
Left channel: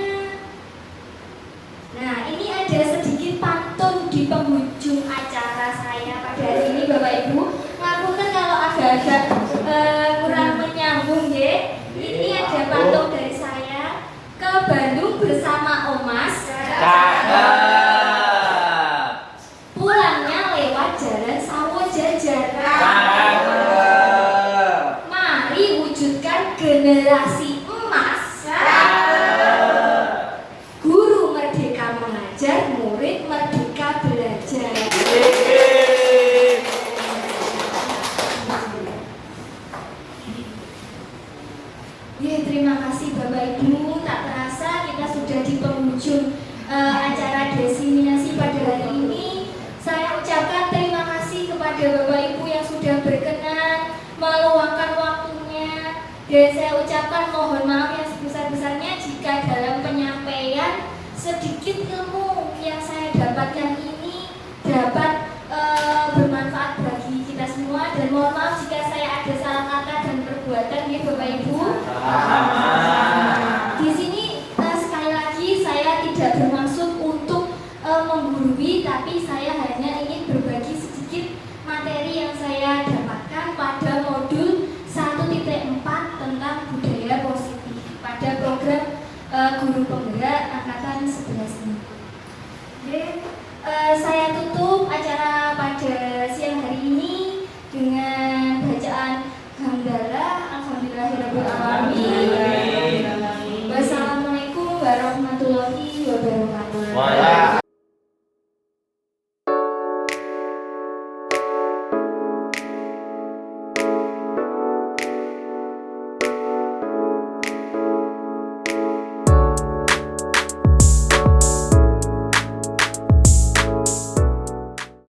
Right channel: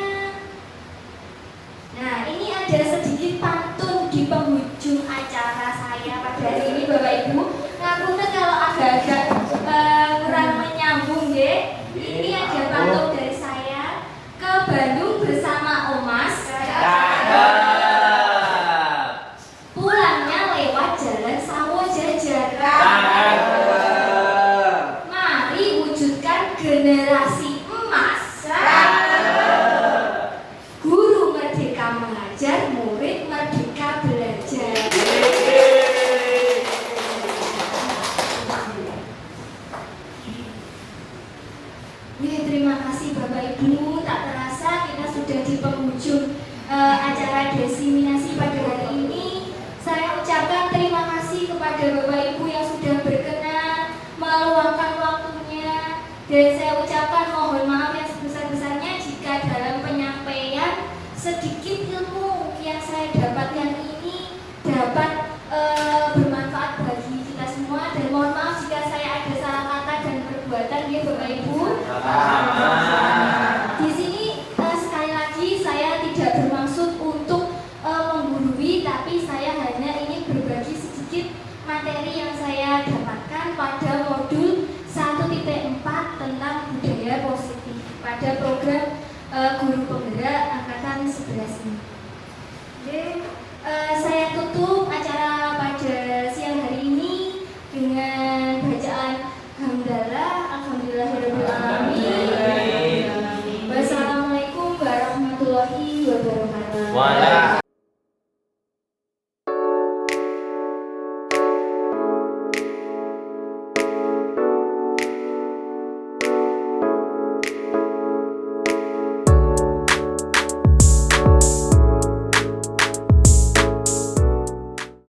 nah ini ada sedikit pantun di penghujung acara saya pada hari ini Bapak Ibu. Ngapunten kalau agak-agak kurang menyambung ya. Ini ada pantun dari saya. Ke Bandung bersama Omas. Pulangnya lewat jalan Sawo Jajaran. Mari wujudkan generasi emas. Guru merdeka mengajar, murid merdeka belajar. Terima kasih Bapak Ibu. Tak terasa kita sudah di penghujung acara diseminasi pada hari ini. Saya ucapkan terima kasih kepada Bapak Ibu yang sudah berkenan meluangkan waktunya, dan saya ucapkan mohon maaf yang sebesar-besarnya jika dalam penyampaian sedikit ilmu yang saya dapatkan ini dapat bermanfaat bagi kita semua, dan mohon maaf jika saya ada salah kata dan perbuatan ya Bapak Ibu. Di sini sekali lagi saya tidak bermaksud untuk menggurui, tapi saya hanya ingin berbagi sedikit materi yang saya dapatkan pada modul 1.4 tentang budaya positif pada program guru penggerak angkatan 11 ini. Oke, saya tutup acara pada siang hari ini dengan bacaan hamdalah. Alhamdulillahirabbil alamin. Wassalamualaikum warahmatullahi